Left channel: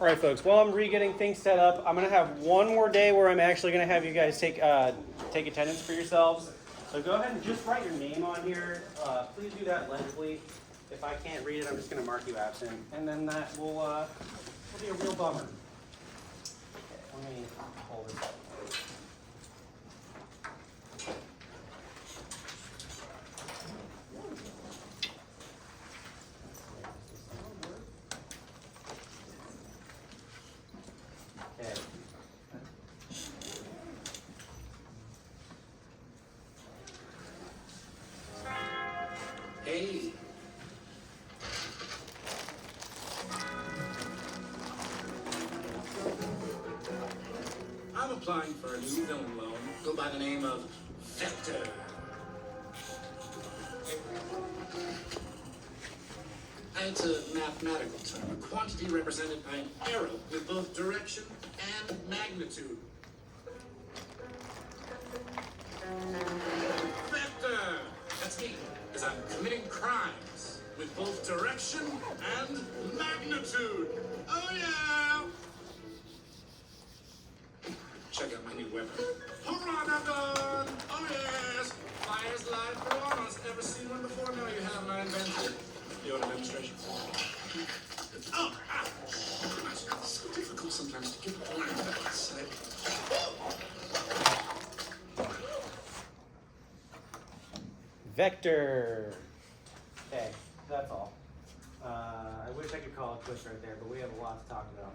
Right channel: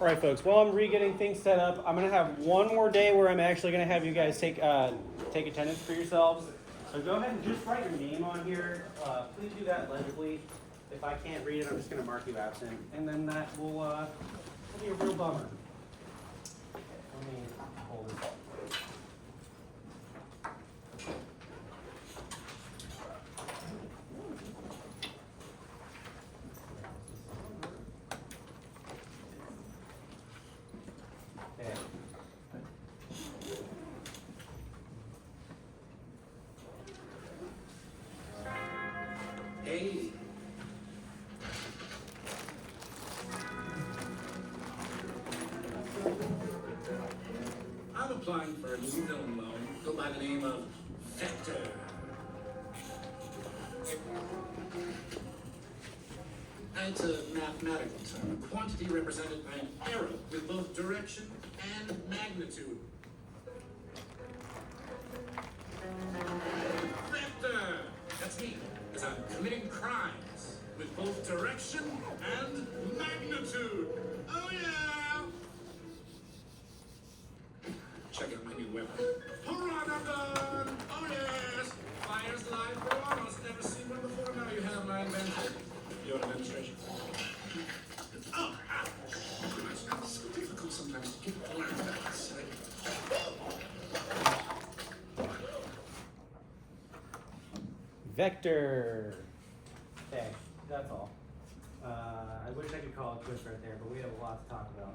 All right, folks, while I'm re-getting things set up, I'm going to have one more day where I'm actually going to have you guys take attendance for yourselves. So go ahead and just write your name on here. Please do that legibly. If I can't read it, I'm just going to mark you absent. And then that will be a real bummer. Okay, let me hold this up. Hey. I'm applying for a new villain loan. Go by the name of Vector. It's a mathematical term, a quantity represented by an arrow with both direction and magnitude. Vector! That's me, as I'm committing crimes with both direction and magnitude. Oh yeah! Check out my new weapon. Hurrah-dun-dun! Oh yes! Fire's live piranhas. Never seen one before. Now you have my invention. You want a demonstration? Oh! Ow! Gosh, it's so difficult sometimes to get the outside. Vector. Okay, that's all. I wish I could call it quits right there, but we have a lot to talk about.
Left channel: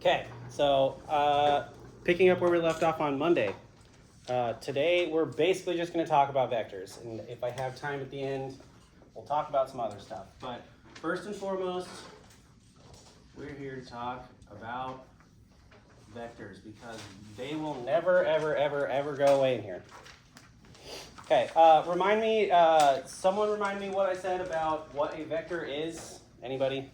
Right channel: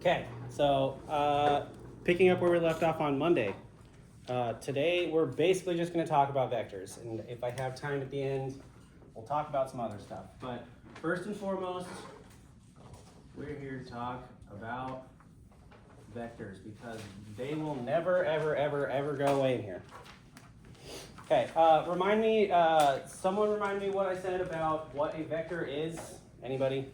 Okay, so picking up where we left off on Monday. Today we're basically just going to talk about vectors, and if I have time at the end, we'll talk about some other stuff. But first and foremost, we're here to talk about vectors because they will never, ever, ever, ever go away in here. Okay, someone remind me what I said about what a vector is. Anybody?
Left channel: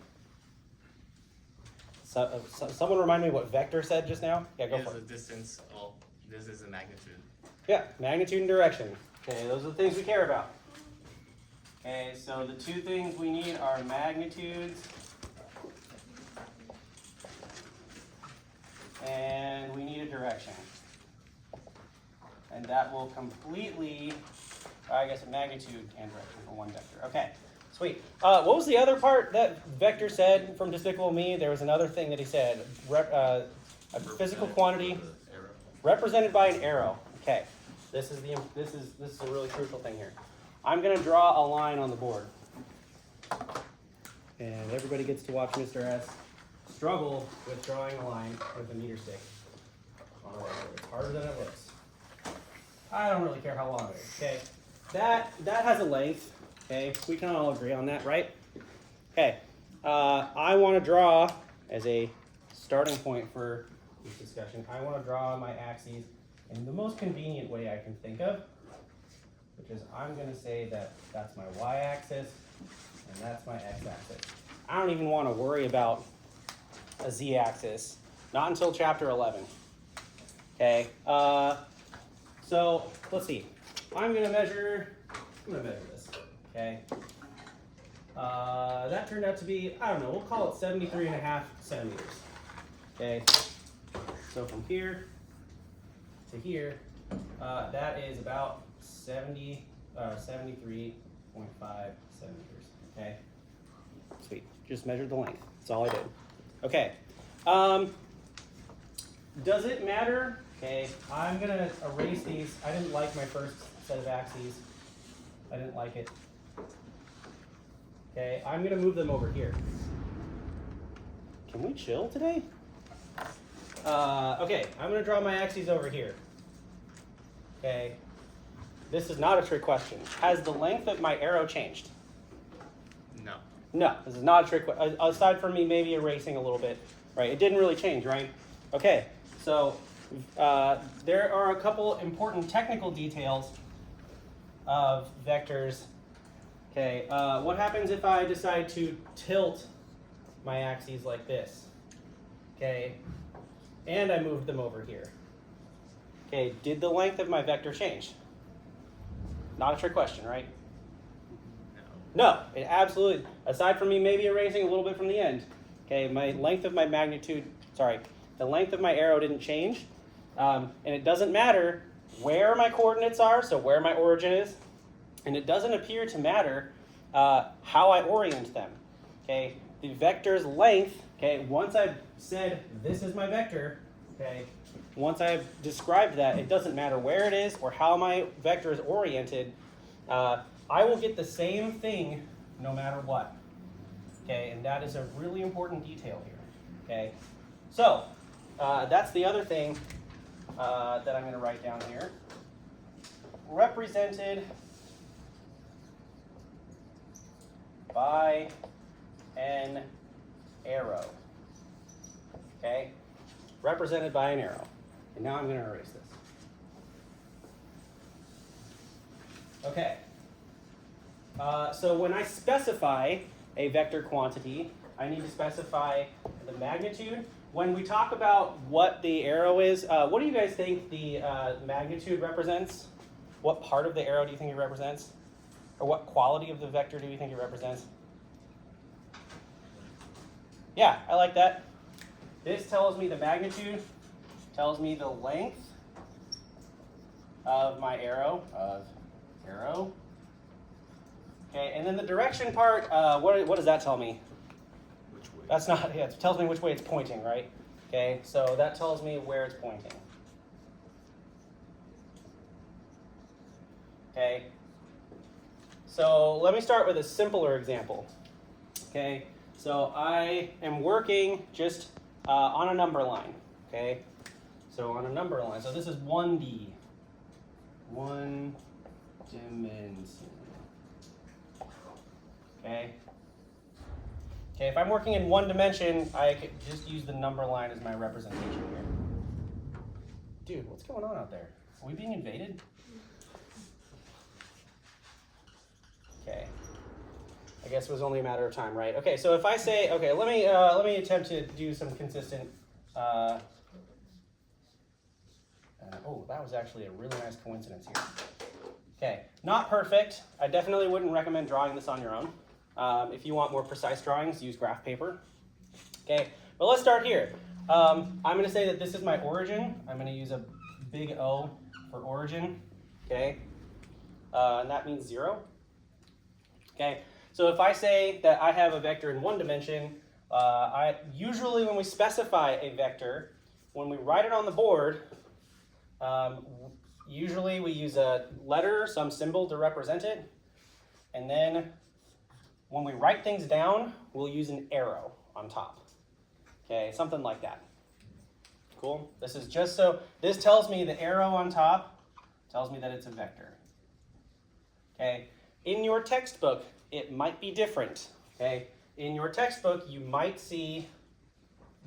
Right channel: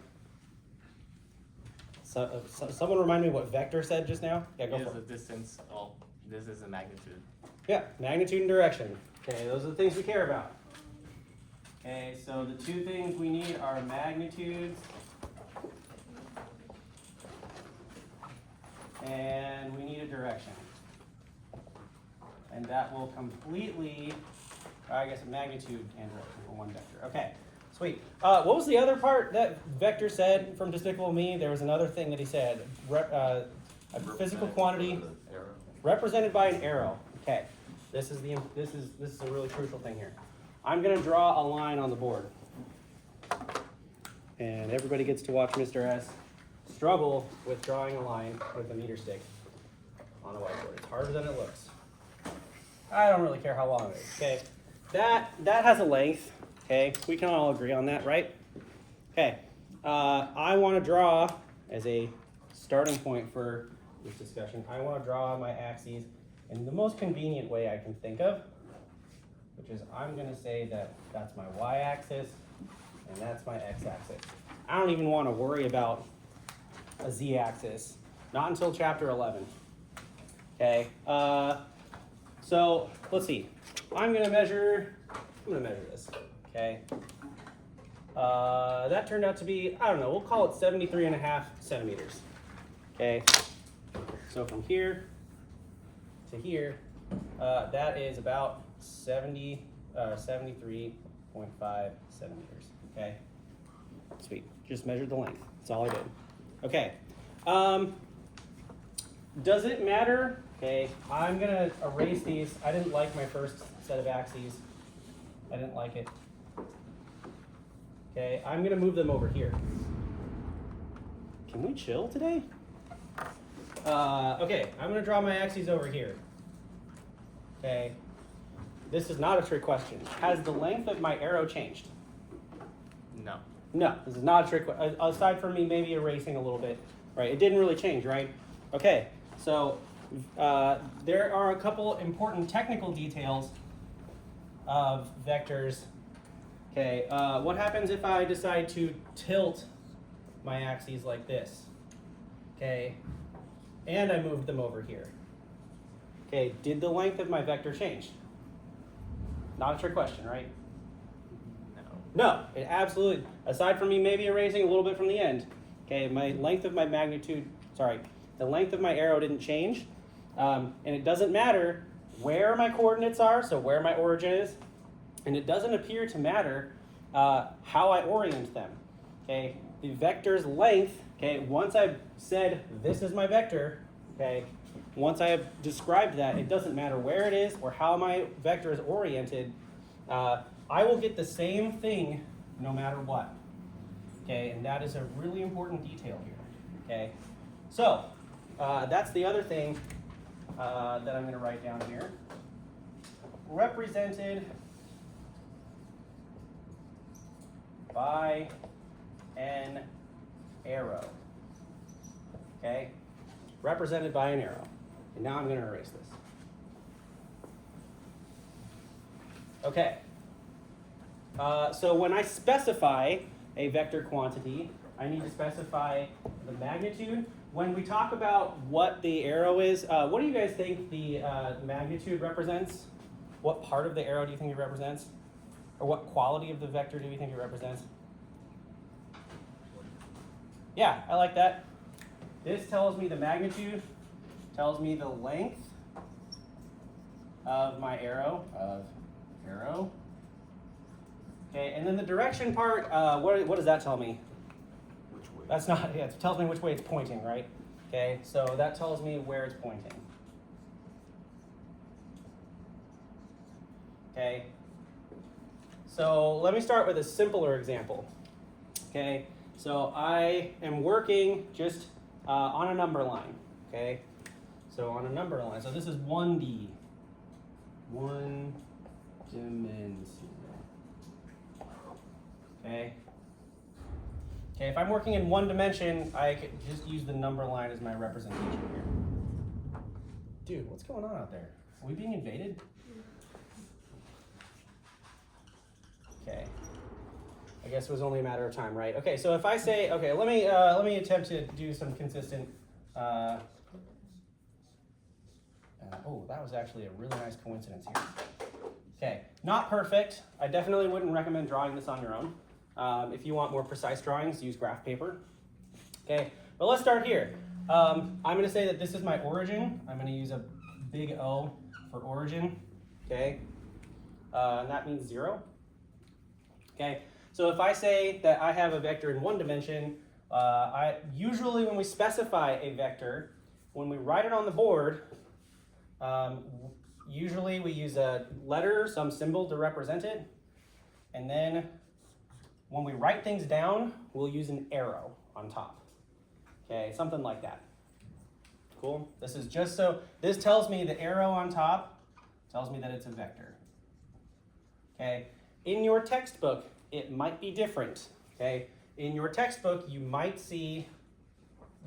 Someone remind me what vector said just now? Yeah, go for it. Is the distance, this is a magnitude. Yeah, magnitude and direction. Okay, those are the things we care about. Okay, so the two things we need are magnitudes and we need a direction. And that will completely, I guess a magnitude and direction for one vector. Okay, sweet. What was the other part that Vector said from Despicable Me? There was another thing that he said. A physical quantity represented by an arrow. Okay, this is a really crucial thing here. I'm going to draw a line on the board. And everybody gets to watch Mr. S struggle with drawing a line with a meter stick on a whiteboard. It's harder than it looks. I don't really care how long it is, okay? That has a length, okay? We can all agree on that, right? Okay, I want to draw, as a starting point for this discussion, I want to draw my axes in the most convenient way I can think of, which is I'm going to say that that's my y-axis and that's my x-axis. I don't even want to worry about a z-axis, not until chapter 11. Okay, so let's see. I'm going to measure this, okay? That turned out to be, I don't know, we'll call it 73.5 centimeters, okay? So from here to here, that is about 73.5 centimeters, okay? Sweet, just measured the length, that's all I did. Okay, does it matter? Okay, I'm gonna erase these. I didn't like my first set of axes. I didn't like it. Okay, I'm gonna move them over here. Can we chill today? Okay, I'm gonna draw my axes over here. Okay, this is not a trick question. Has the length of my arrow changed? No. No, this is not a trick question. Aside from me maybe erasing a little bit, right? It didn't really change, right? Okay, so there are a couple important technical details of vectors. Okay, what happens if I decide to tilt my axes like this? Okay, and I move them over here. Okay, did the length of my vector change? Not a trick question, right? No, it absolutely, aside from me maybe erasing a little bit from the end, okay, my length of my magnitude, sorry, the length of my arrow didn't change, and it doesn't matter where my coordinates are, so where my origin is, and it doesn't appear to matter how I orient them, okay? The vector's length, okay, once I've said this is my vector, okay, once I have described that, it doesn't matter where it is or how my vector is oriented, I will get the same thing no matter what, okay? And that is a really important detail here, okay? So, that's the other thing that I'm gonna write down here. Represented by an arrow, okay? Represented by an arrow. And now I'm gonna erase this. Okay. So when I specify a vector quantity, I need to specify the magnitude. When we talk about what the arrow is, what do you guys think the magnitude represents? What part of the arrow do you think it represents? Or what quality of the vector do you think it represents? Yeah, I like that. This tells me the magnitude, tells me the length of my arrow, Okay, and then the direction part, what does that tell me? Which way? That's not, yeah, it tells me which way it's pointing, right? Okay, so that tells me where it's pointing. Okay, so let me start with a simpler example. Okay, so I am working just on a number line, okay? So on a number line, so this is 1D, one dimension. Okay. Okay, if I'm working in one dimension, I could just use the number line as my representation here. Dude, what's going on out there? Are we being invaded? Okay. I guess it was only a matter of time, right? Okay, so if I say, okay, let me attempt to do some consistent. Oh, that was actually a really nice coincidence here. Okay, not perfect. I definitely wouldn't recommend drawing this on your own. If you want more precise drawings, use graph paper. Okay, but let's start here. I'm going to say that this is my origin. I'm going to use a big O for origin. Okay, and that means 0. Okay, so if I say that I have a vector in one dimension, usually when we specify a vector, when we write it on the board, usually we use a letter, some symbol to represent it, and then when we write things down, we'll use an arrow on top. Okay, something like that. Cool? This is just so, this tells me the arrow on top tells me that it's a vector. Okay, in your textbook, it might be different. Okay, in your textbook, you might see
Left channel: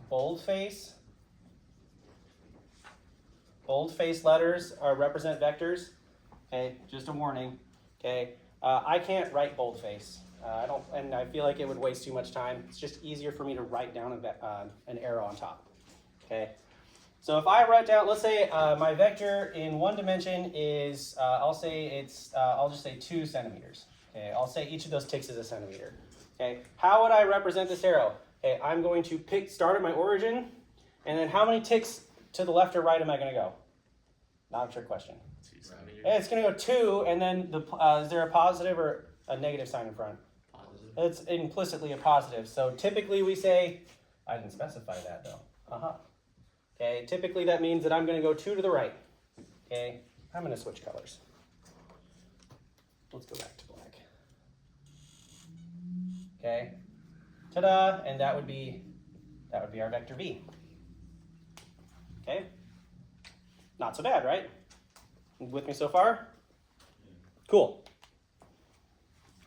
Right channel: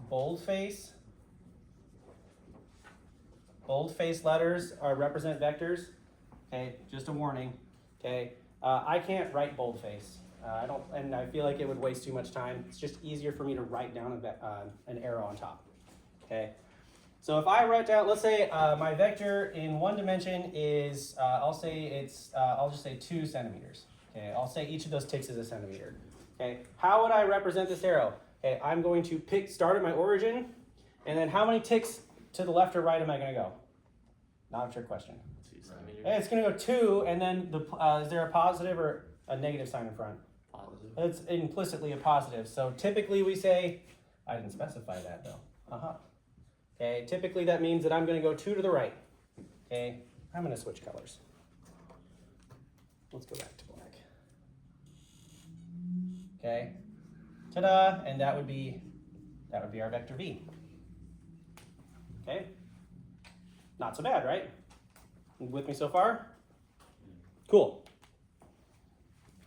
boldface. Boldface letters represent vectors. Okay, just a warning. Okay, I can't write boldface. I don't, and I feel like it would waste too much time. It's just easier for me to write down an arrow on top. Okay, so if I write down, let's say my vector in one dimension is, I'll just say 2 centimeters. Okay, I'll say each of those ticks is a centimeter. Okay, how would I represent this arrow? Okay, I'm going to start at my origin, and then how many ticks to the left or right am I going to go? Not a trick question. 2 centimeters. Hey, it's going to go 2, and then is there a positive or a negative sign in front? Positive. It's implicitly a positive. So typically we say, I didn't specify that though. Okay, typically that means that I'm going to go 2 to the right. Okay, I'm going to switch colors. Let's go back to black. Okay, ta-da, and that would be our vector V. Okay, not so bad, right? With me so far? Cool.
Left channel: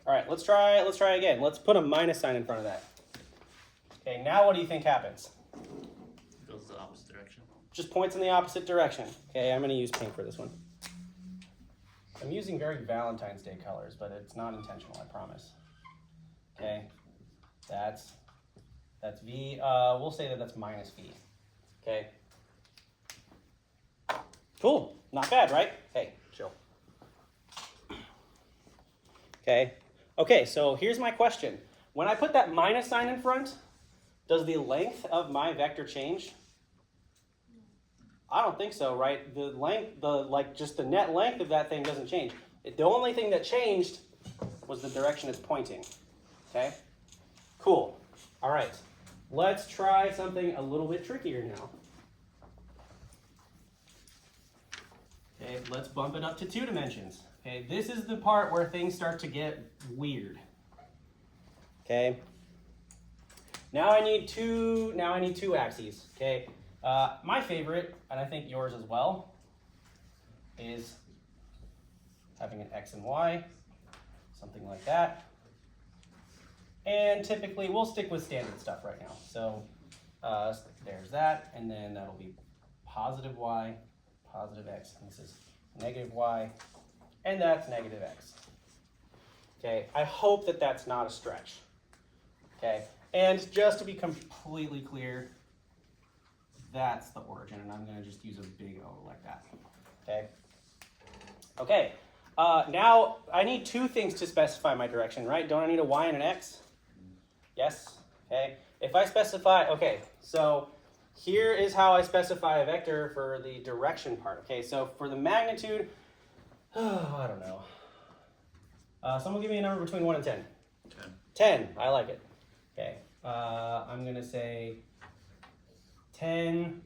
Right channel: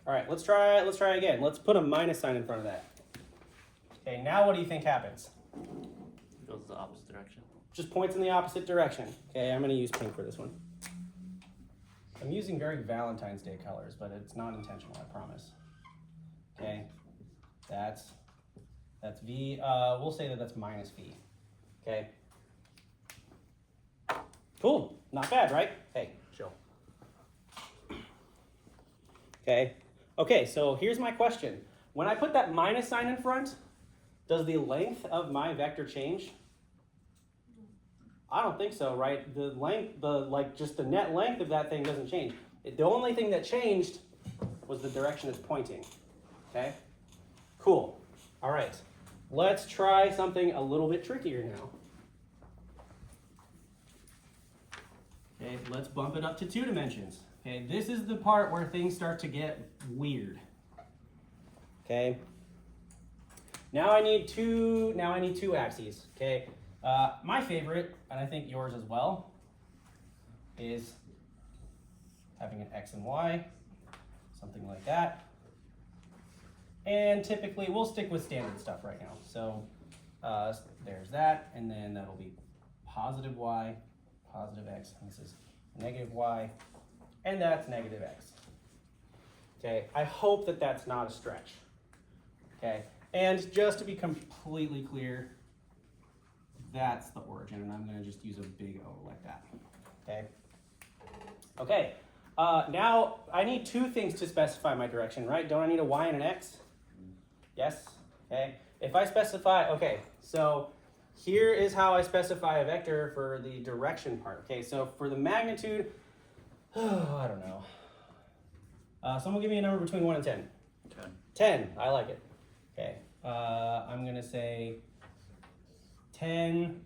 All right, let's try again. Let's put a minus sign in front of that. Okay, now what do you think happens? It goes the opposite direction. Just points in the opposite direction. Okay, I'm gonna use pink for this one. I'm using very Valentine's Day colors, but it's not intentional, I promise. Okay, that's V. We'll say that that's minus V. Okay. Cool. Not bad, right? Hey, chill. Okay. Okay, so here's my question. When I put that minus sign in front, does the length of my vector change? I don't think so, right? The length, just the net length of that thing doesn't change. The only thing that changed was the direction it's pointing. Okay? Cool. All right. Let's try something a little bit trickier now. Okay, let's bump it up to 2 dimensions. Okay, this is the part where things start to get weird. Okay. Now I need two axes. Okay. My favorite, and I think yours as well, is having an X and Y, something like that. And typically, we'll stick with standard stuff right now. So there's that, and then that'll be positive Y, positive X, and this is negative Y, and that's negative X. Okay, I hope that that's not a stretch. Okay, and just to be completely clear, that's the origin, and I'm going to just use a big O like that. Okay. Okay. Now I need 2 things to specify my direction, right? Don't I need a Y and an X? Yes. Okay. If I specify, okay, so here is how I specify a vector for the direction part. Okay, so for the magnitude, I don't know. Someone give me a number between 1 and 10. 10. 10. I like it. Okay. I'm gonna say 10.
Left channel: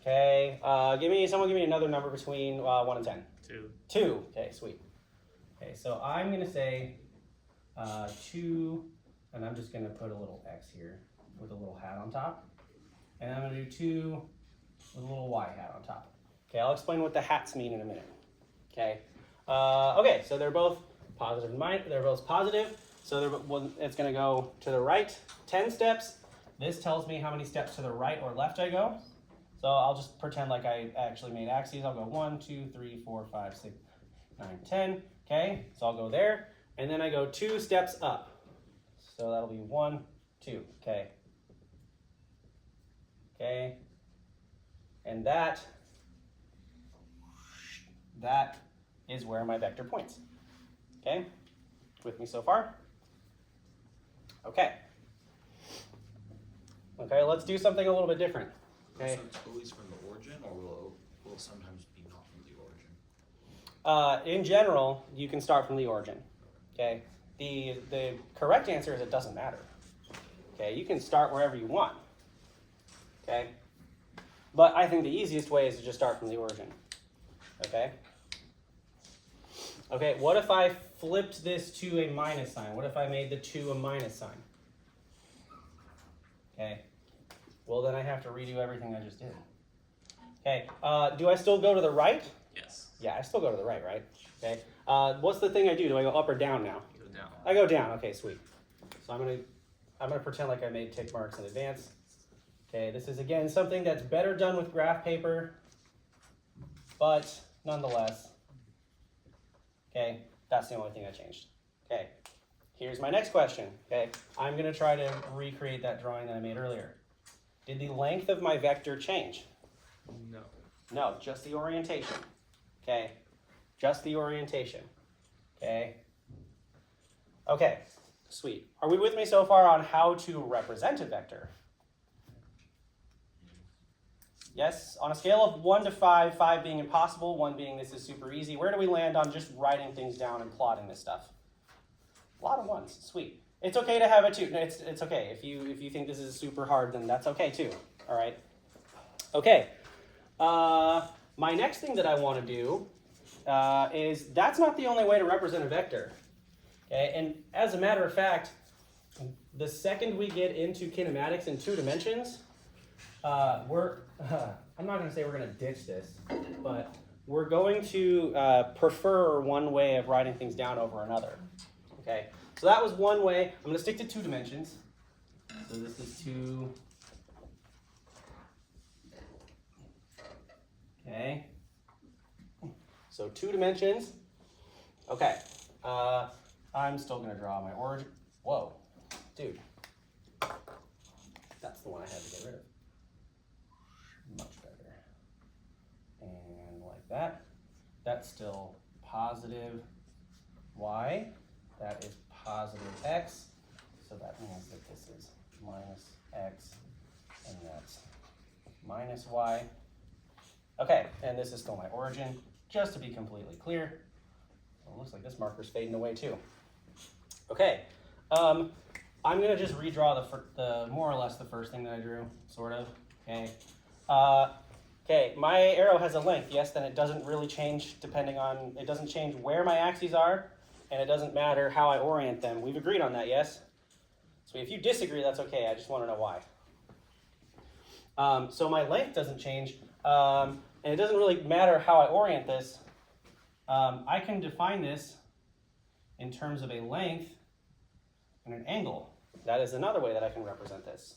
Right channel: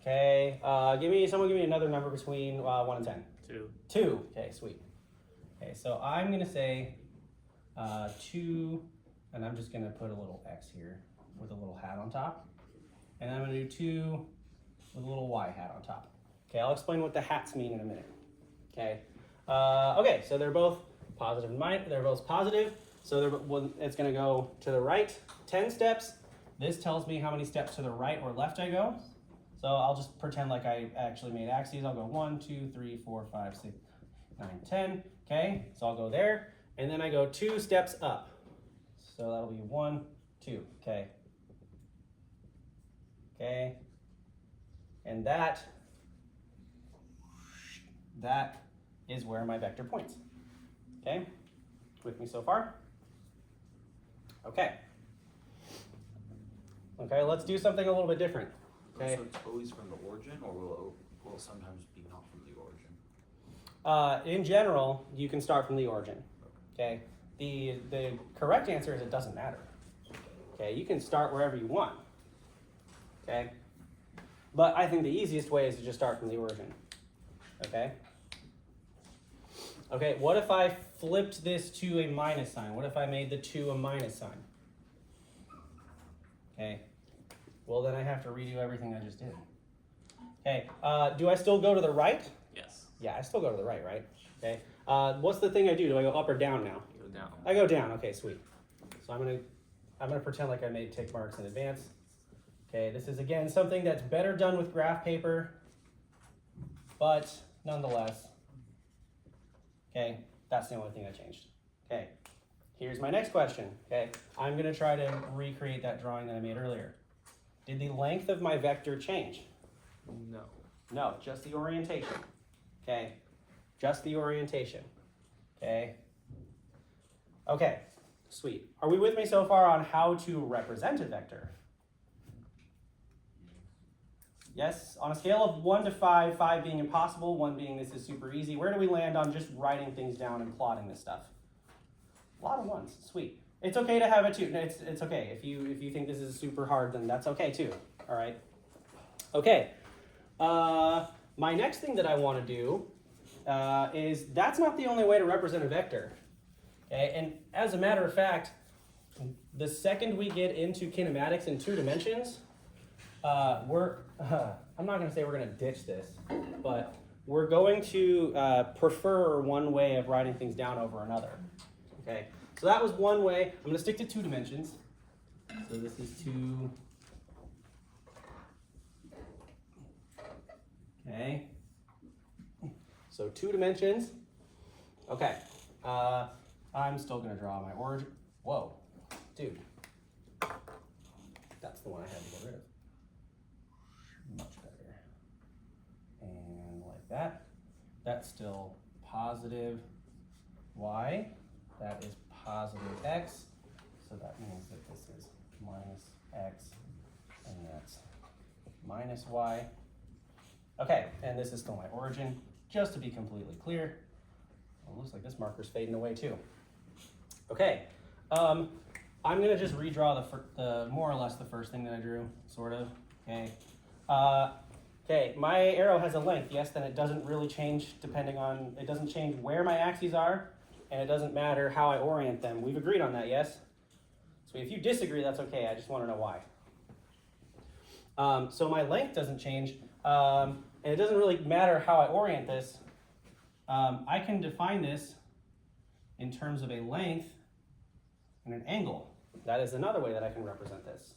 Okay. Someone give me another number between 1 and 10. 2. 2. Okay, sweet. Okay, so I'm gonna say 2, and I'm just gonna put a little X here with a little hat on top. And I'm gonna do 2 with a little Y hat on top. Okay, I'll explain what the hats mean in a minute. Okay. Okay, so they're both positive and minus, they're both positive. So it's gonna go to the right 10 steps. This tells me how many steps to the right or left I go. So I'll just pretend like I actually made axes. I'll go 1, 2, 3, 4, 5, 6, 9, 10. Okay, so I'll go there. And then I go 2 steps up. So that'll be 1, 2, okay. Okay, and that is where my vector points. Okay, with me so far? Okay. Okay, let's do something a little bit different. Okay. So it's always from the origin, or will it sometimes be not from the origin? In general, you can start from the origin. Okay. The correct answer is it doesn't matter. Okay, you can start wherever you want. Okay, but I think the easiest way is to just start from the origin. Okay. Okay, what if I flipped this to a minus sign? What if I made the 2 a minus sign? Okay, well then I have to redo everything I just did. Okay, do I still go to the right? Yes. Yeah, I still go to the right, right? Okay, what's the thing I do? Do I go up or down now? Go down. I go down, okay, sweet. So I'm gonna pretend like I made tick marks in advance. Okay, this is again something that's better done with graph paper, but nonetheless, okay, that's the only thing I changed. Okay, here's my next question. Okay, I'm gonna try to recreate that drawing that I made earlier. Did the length of my vector change? No. No, just the orientation. Okay, just the orientation. Okay. Okay, sweet. Are we with me so far on how to represent a vector? Yes, on a scale of 1 to 5, 5 being impossible, 1 being this is super easy, where do we land on just writing things down and plotting this stuff? A lot of 1s, sweet. It's okay to have a 2, it's okay. If you think this is super hard, then that's okay too, all right? Okay, my next thing that I want to do is that's not the only way to represent a vector. Okay, and as a matter of fact, the second we get into kinematics in 2 dimensions, I'm not going to say we're going to ditch this, but we're going to prefer one way of writing things down over another. Okay, so that was one way. I'm going to stick to 2 dimensions. So this is 2. Okay, so 2 dimensions. Okay, I'm still going to draw my origin. Whoa, dude, that's the one I had to get rid of. Much better. And like that's still positive y. That is positive x. So that means that this is minus x, and that's minus y. Okay, and this is still my origin, just to be completely clear. Well, it looks like this marker's fading away too. Okay, I'm gonna just redraw the more or less the first thing that I drew, sort of. Okay. Okay, my arrow has a length, yes, then it doesn't really change depending on, it doesn't change where my axes are, and it doesn't matter how I orient them. We've agreed on that, yes? So if you disagree, that's okay, I just want to know why. So my length doesn't change, and it doesn't really matter how I orient this. I can define this in terms of a length and an angle. That is another way that I can represent this.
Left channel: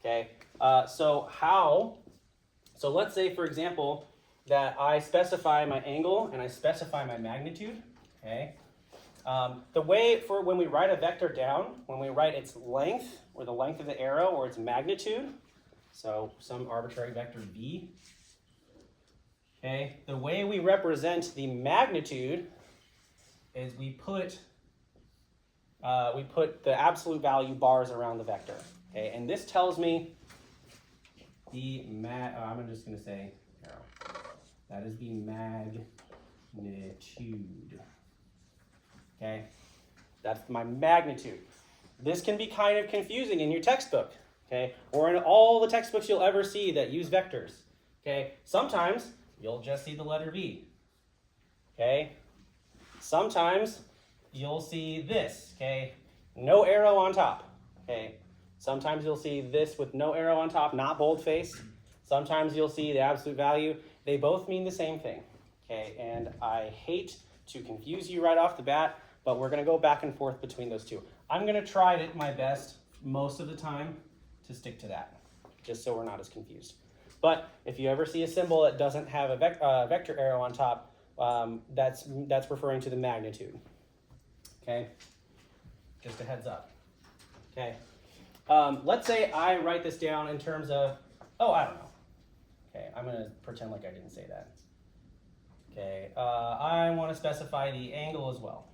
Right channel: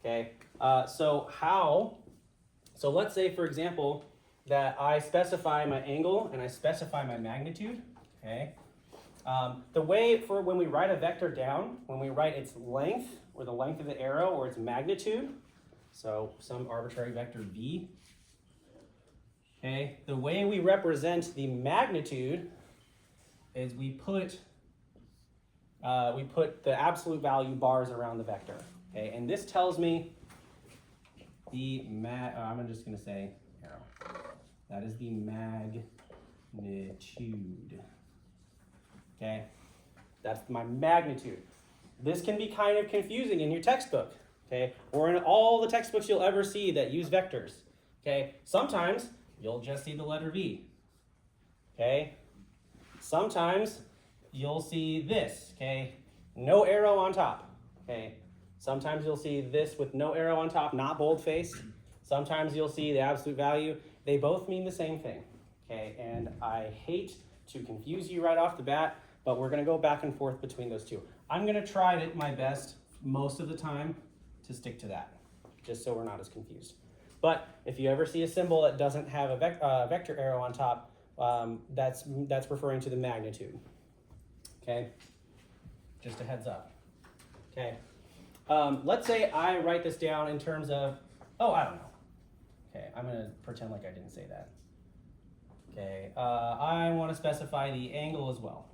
Okay, so let's say, for example, that I specify my angle and I specify my magnitude, okay? The way for when we write a vector down, when we write its length, or the length of the arrow, or its magnitude, so some arbitrary vector v, okay? The way we represent the magnitude is we put the absolute value bars around the vector, okay? And this tells me the I'm just going to say arrow. That is the magnitude. Okay, that's my magnitude. This can be kind of confusing in your textbook, okay, or in all the textbooks you'll ever see that use vectors. Okay, sometimes you'll just see the letter V. Okay, sometimes you'll see this. Okay, no arrow on top. Okay. Sometimes you'll see this with no arrow on top, not boldface. Sometimes you'll see the absolute value. They both mean the same thing, okay? And I hate to confuse you right off the bat, but we're gonna go back and forth between those two. I'm gonna try my best most of the time to stick to that, just so we're not as confused. But if you ever see a symbol that doesn't have a vector arrow on top, that's referring to the magnitude, okay? Just a heads up, okay? Let's say I write this down in terms of, oh, I don't know. Okay, I'm going to pretend like I didn't say that. Okay, I want to specify the angle as well.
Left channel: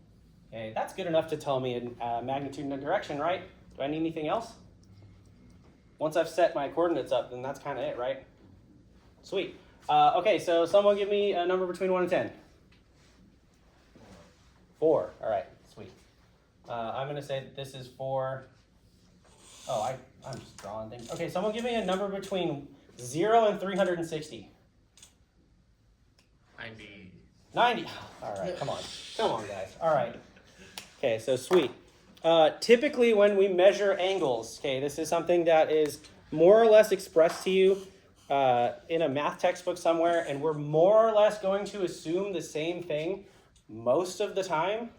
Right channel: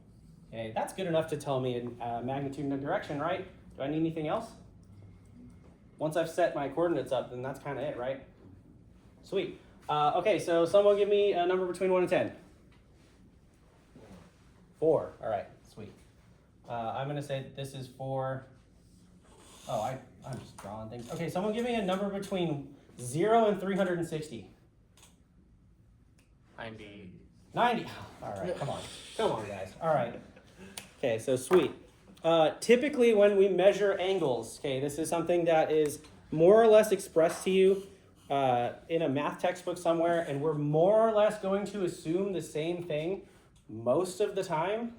Okay, that's good enough to tell me a magnitude and a direction, right? Do I need anything else? Once I've set my coordinates up, then that's kind of it, right? Sweet. Okay, so someone give me a number between 1 and 10. 4. All right, sweet. I'm going to say this is 4. Oh, I'm just drawing things. Okay, someone give me a number between 0 and 360. 90. 90. All right, come on, guys. All right. Okay, so sweet. Typically, when we measure angles, okay, this is something that is more or less expressed to you in a math textbook somewhere, and we're more or less going to assume the same thing most of the time.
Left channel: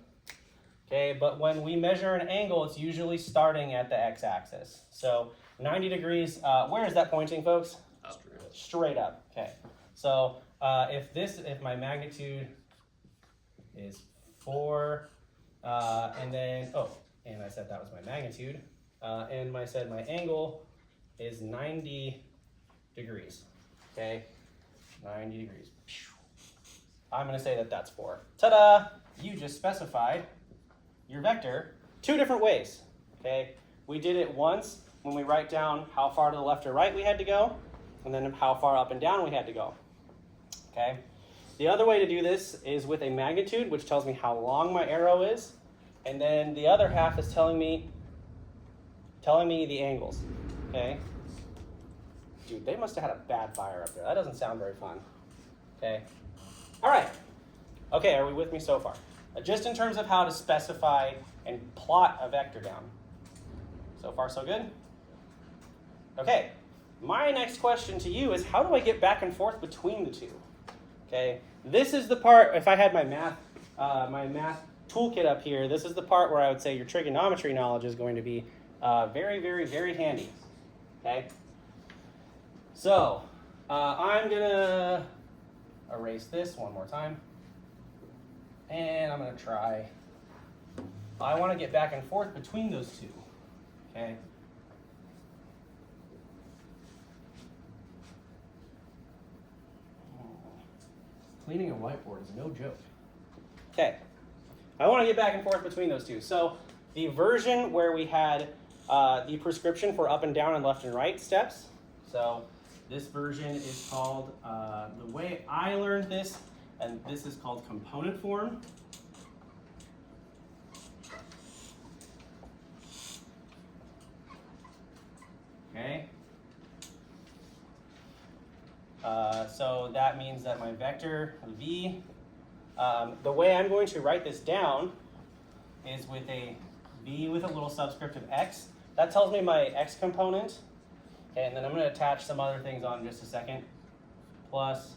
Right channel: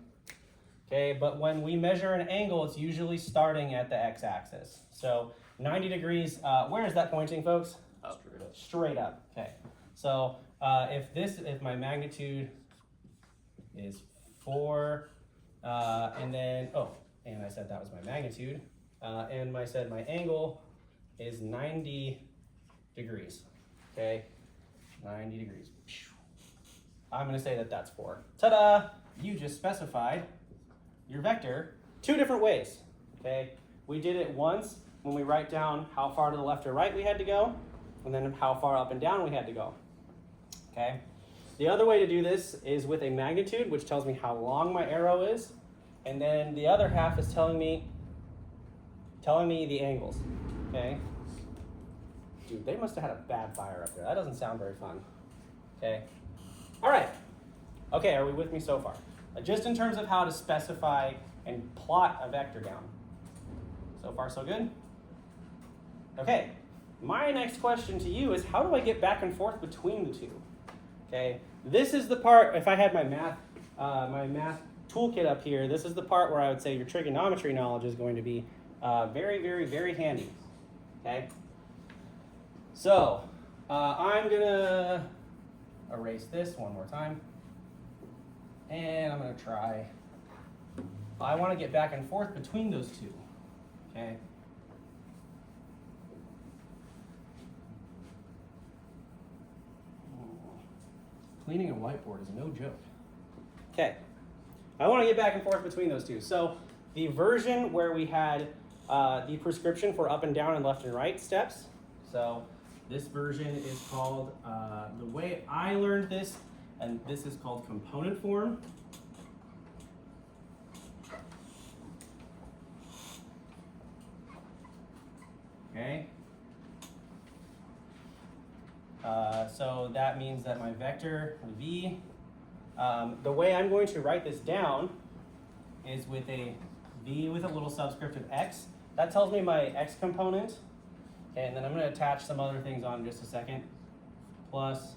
Okay, but when we measure an angle, it's usually starting at the x-axis. So 90 degrees, where is that pointing, folks? Up. Straight up. Okay. So if my magnitude is 4, and then, and I said that was my magnitude, and I said my angle is 90 degrees. Okay, 90 degrees. I'm going to say that that's 4. Ta-da! You just specified your vector 2 different ways, okay? We did it once when we write down how far to the left or right we had to go, and then how far up and down we had to go, okay? The other way to do this is with a magnitude, which tells me how long my arrow is, and then the other half is telling me the angles, okay? Dude, they must have had a bad fire up there. That doesn't sound very fun, okay? All right, okay, are we with me so far? Just in terms of how to specify and plot a vector down. So far, so good? Okay, my next question to you is, how do I get back and forth between the two? Okay, this is the part, if I had my math toolkit up here, this is the part where I would say your trigonometry knowledge is going to be very, very, very handy, okay? So, I'm gonna erase this one more time. And I'm going to try, I want to get back and forth between those two, okay? cleaning a whiteboard is no joke. Okay, I want to get back and forth between those two. So the version where we had the prescription for up and down and left and right steps. So this version is called, the way I learned this, and this is called component form. Okay. So that means that my vector v, the way I'm going to write this down is with a v with a little subscript of x. That tells me my x component, and then I'm going to attach some other things on in just a second. Plus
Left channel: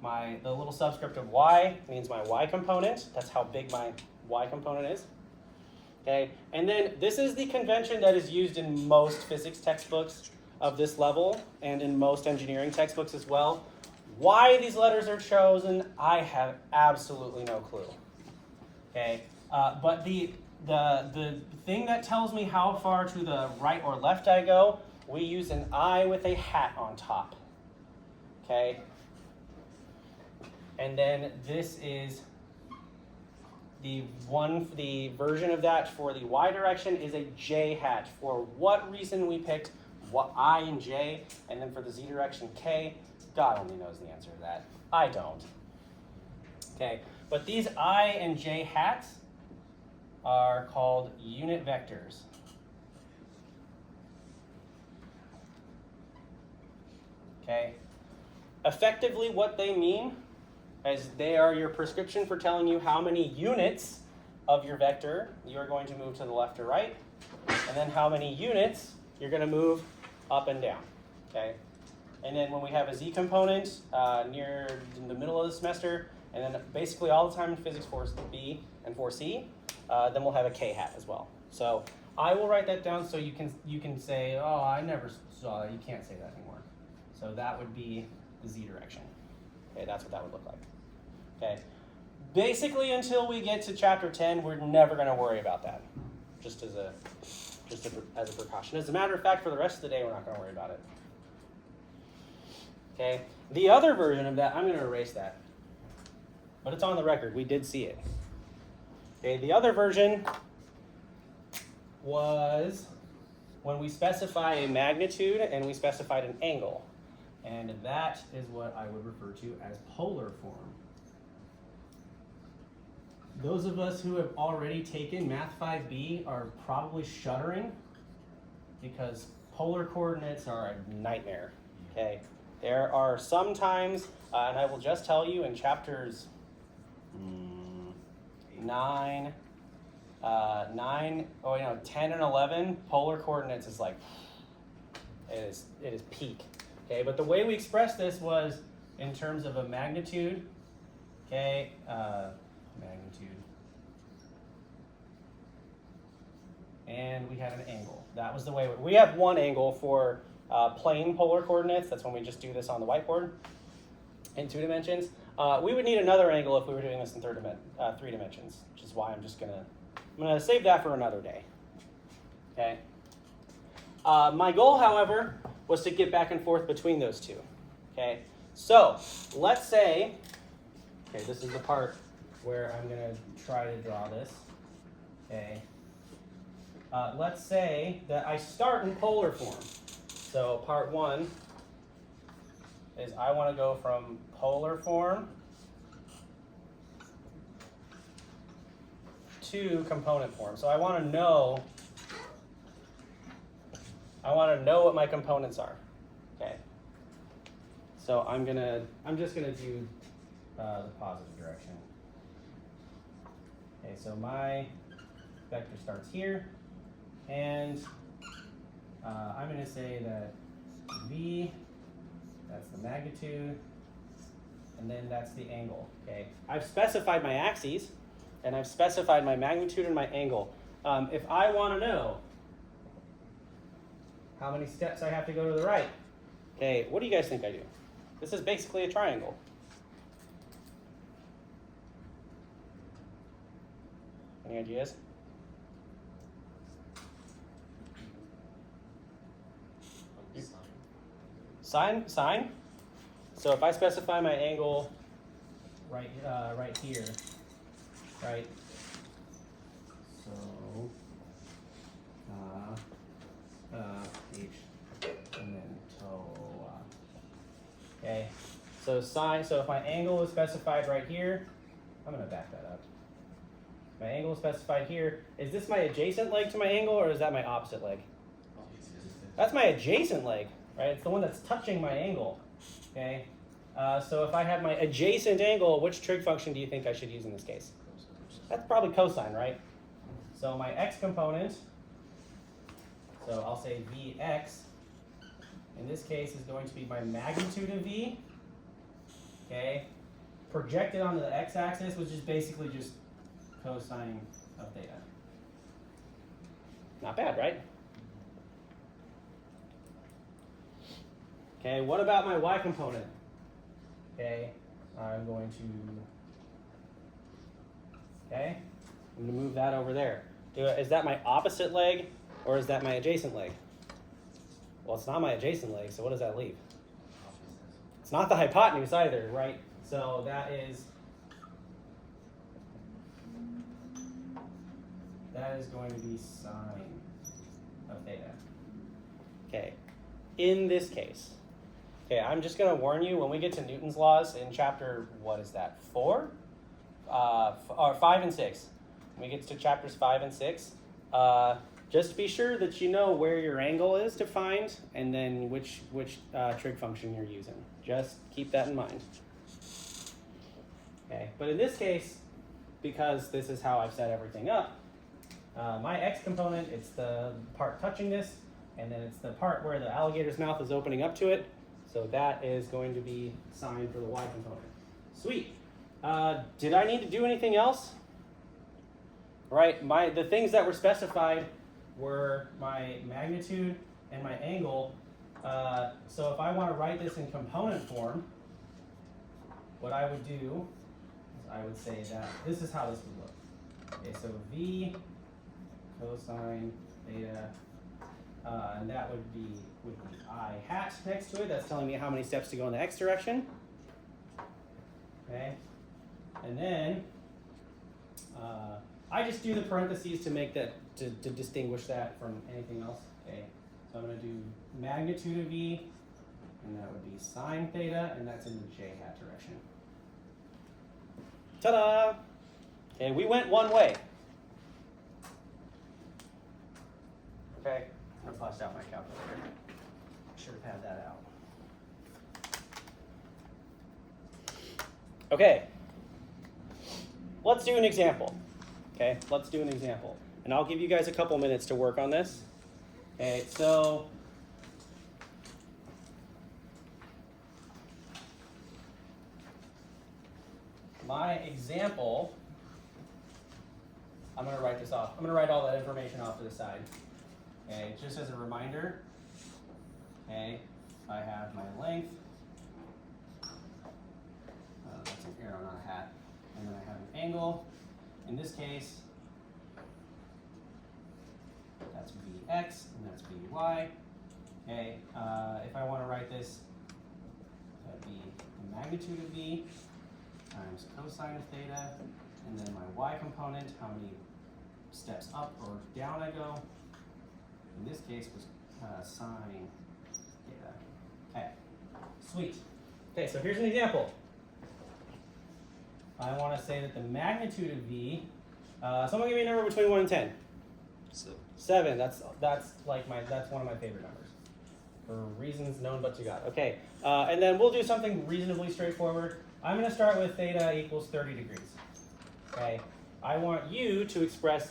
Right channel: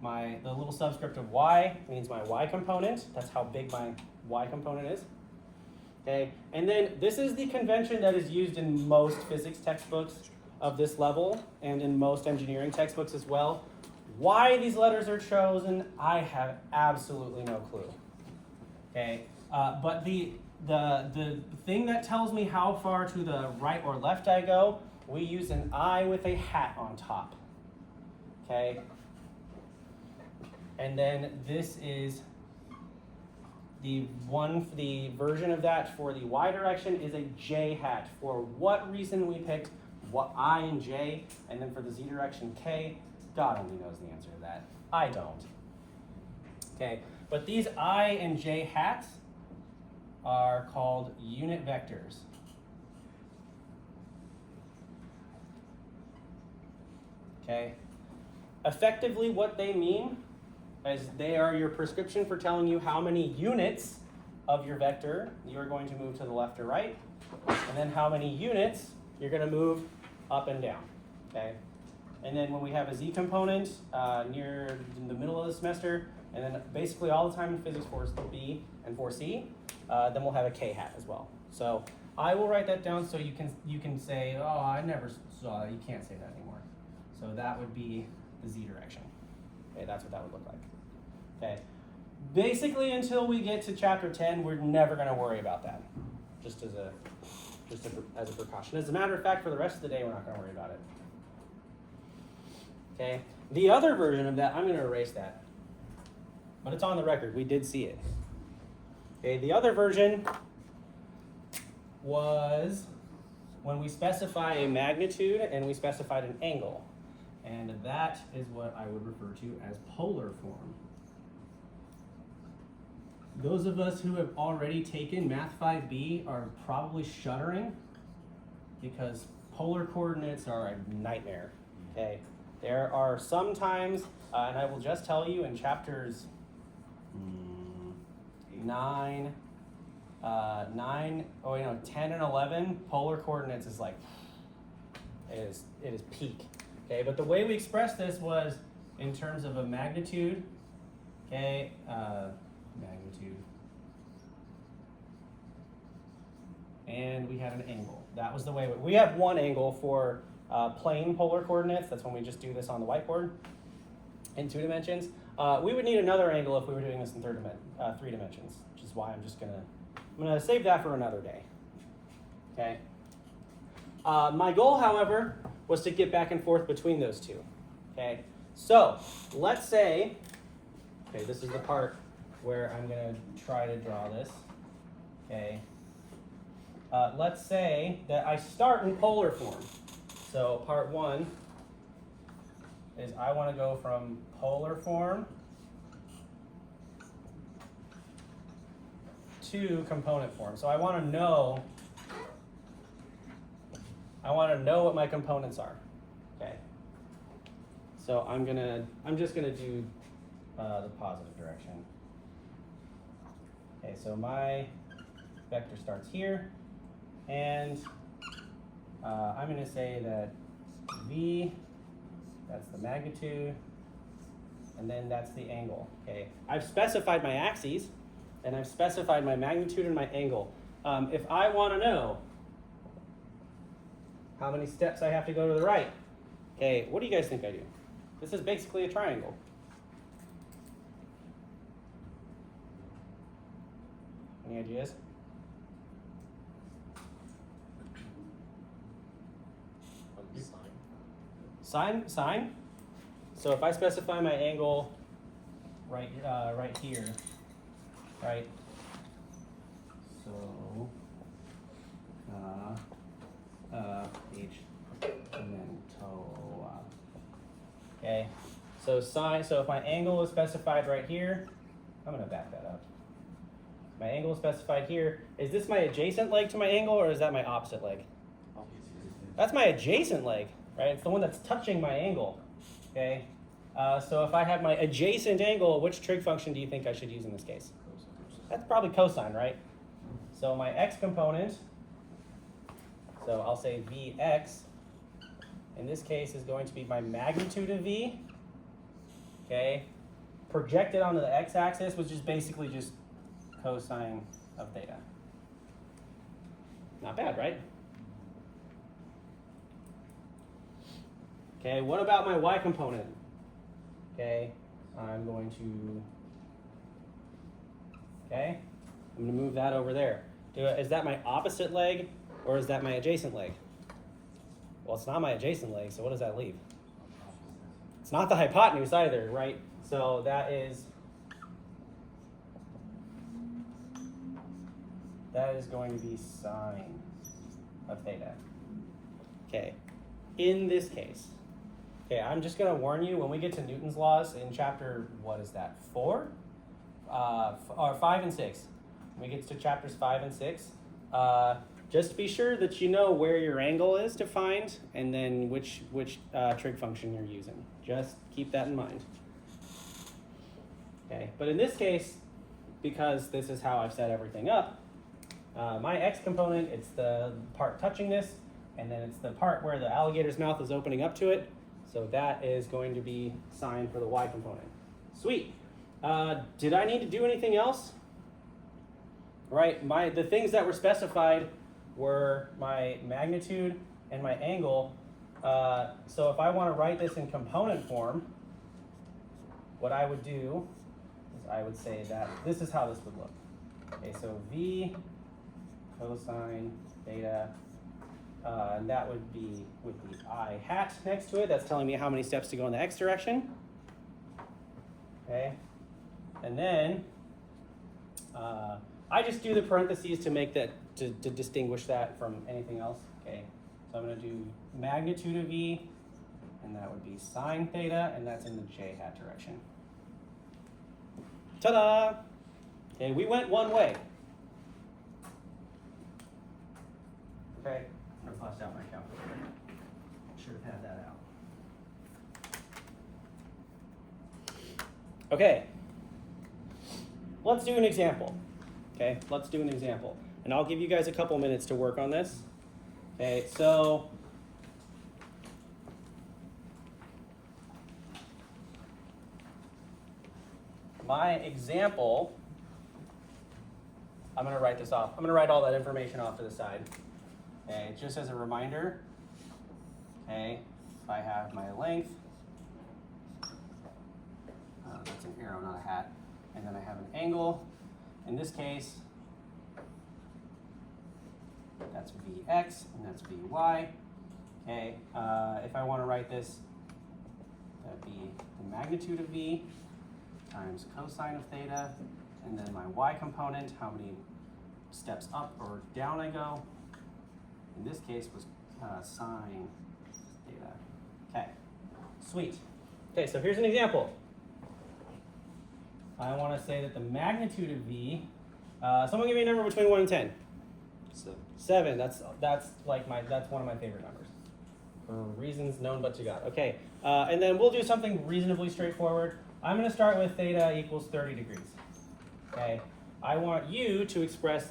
the little subscript of y means my y component. That's how big my y component is. Okay, and then this is the convention that is used in most physics textbooks of this level and in most engineering textbooks as well. Why these letters are chosen, I have absolutely no clue. Okay, but the thing that tells me how far to the right or left I go, we use an I with a hat on top. Okay, and then this is the version of that for the y direction is a j hat. For what reason we picked what I and j, and then for the z direction k, God only knows the answer to that. I don't. Okay, but these I and j hats are called unit vectors. Okay, effectively what they mean is they are your prescription for telling you how many units of your vector you are going to move to the left or right, and then how many units you're going to move up and down. Okay, and then when we have a z component near the middle of the semester, and then basically all the time in physics 4B and 4C, then we'll have a k hat as well. So I will write that down so you can say, oh, I never saw that. You can't say that anymore. So that would be the z direction. Okay, that's what that would look like. Okay, basically until we get to chapter 10, we're never going to worry about that. Just as a precaution. As a matter of fact, for the rest of the day, we're not going to worry about it. Okay, the other version of that, I'm going to erase that, but it's on the record. We did see it. Okay, the other version was when we specify a magnitude and we specified an angle. And that is what I would refer to as polar form. Those of us who have already taken Math 5B are probably shuddering because polar coordinates are a nightmare. Okay, there are some times, and I will just tell you in chapters 10 and 11, polar coordinates is like, it is peak. Okay, but the way we expressed this was in terms of a magnitude, okay, magnitude, and we had an angle. That was the way we have one angle for plane polar coordinates. That's when we just do this on the whiteboard in 2 dimensions. We would need another angle if we were doing this in 3 dimensions, which is why I'm gonna save that for another day. Okay. My goal, however, was to get back and forth between those two. Okay, so let's say, okay, this is the part where I'm gonna try to draw this. Okay, let's say that I start in polar form. So part 1 is I want to go from polar form to component form. So I want to know what my components are. Okay. So I'm just gonna do the positive direction. Okay, so my vector starts here, and I'm gonna say that V, that's the magnitude, and then that's the angle. Okay. I've specified my axes, and I've specified my magnitude and my angle. If I want to know how many steps I have to go to the right, okay, what do you guys think I do? This is basically a triangle. Any ideas? Sine? So if I specify my angle right here, right? So H and then TOA. Okay. So sine. So if my angle is specified right here, I'm gonna back that up. My angle is specified here. Is this my adjacent leg to my angle, or is that my opposite leg? That's my adjacent leg, right? It's the one that's touching my angle. Okay. So if I have my adjacent angle, which trig function do you think I should use in this case? That's probably cosine, right? So my x component, so I'll say Vx, in this case is going to be my magnitude of V, okay, projected onto the x-axis, which is basically just cosine of theta. Not bad, right? Okay, what about my y component? Okay, I'm going to move that over there. Is that my opposite leg or is that my adjacent leg? Well, it's not my adjacent leg, so what does that leave? It's not the hypotenuse either, right? So that is going to be sine of theta. Okay, in this case, okay, I'm just going to warn you, when we get to Newton's laws in chapter, what is that, 4? Or 5 and 6. When we get to chapters 5 and 6, just be sure that you know where your angle is to find and then which trig function you're using. Just keep that in mind. Okay, but in this case, because this is how I've set everything up, my x component, it's the part touching this, and then it's the part where the alligator's mouth is opening up to it. So that is going to be sine for the y component. Sweet. Did I need to do anything else? Right, the things that were specified were my magnitude and my angle. So if I want to write this in component form, what I would do is I would say that this is how this would look. Okay, so V cosine theta, and that would be with the I hat next to it. That's telling me how many steps to go in the x direction. Okay, and then I just do the parentheses to make that, to distinguish that from anything else. Okay, so I'm going to do magnitude of V, and that would be sine theta, and that's in the j hat direction. Ta-da! And we went one way. Okay, I'm going to bust out my calculator. Should have had that out. Okay, let's do an example. Okay, let's do an example. And I'll give you guys a couple minutes to work on this. Okay, so my example, I'm going to write this off. I'm going to write all that information off to the side. Okay, just as a reminder, okay, I have my length. That's an arrow, not a hat. And then I have an angle. In this case, that's Vx and that's Vy. Okay, if I want to write this, that'd be the magnitude of V times cosine of theta, and then my y component, how many steps up or down I go. In this case was sine theta. Okay, sweet. Okay, so here's an example. I want to say that the magnitude of V, someone give me a number between 1 and 10. 7. That's one of my favorite numbers, for reasons known but to God. Okay, and then we'll do something reasonably straightforward. I'm going to start with theta equals 30 degrees. Okay, I want you to express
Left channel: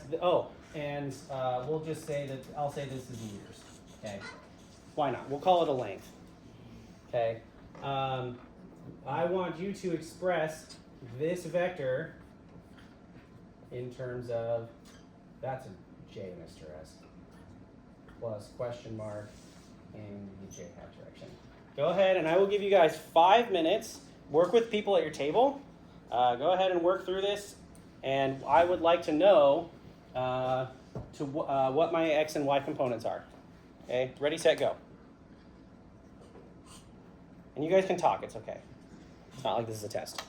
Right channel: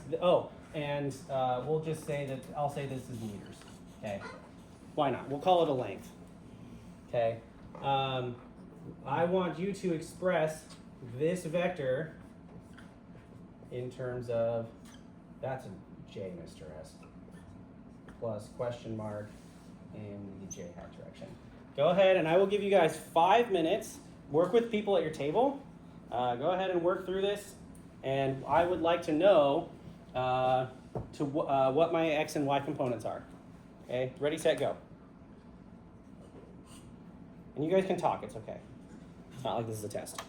and we'll just say that I'll say this is meters. Okay, why not? We'll call it a length. Okay, I want you to express this vector in terms of, that's a j, Mr. S, plus question mark in the j hat direction. Go ahead, and I will give you guys 5 minutes. Work with people at your table. Go ahead and work through this, and I would like to know what my x and y components are. Okay, ready, set, go. And you guys can talk, it's okay. It's not like this is a test.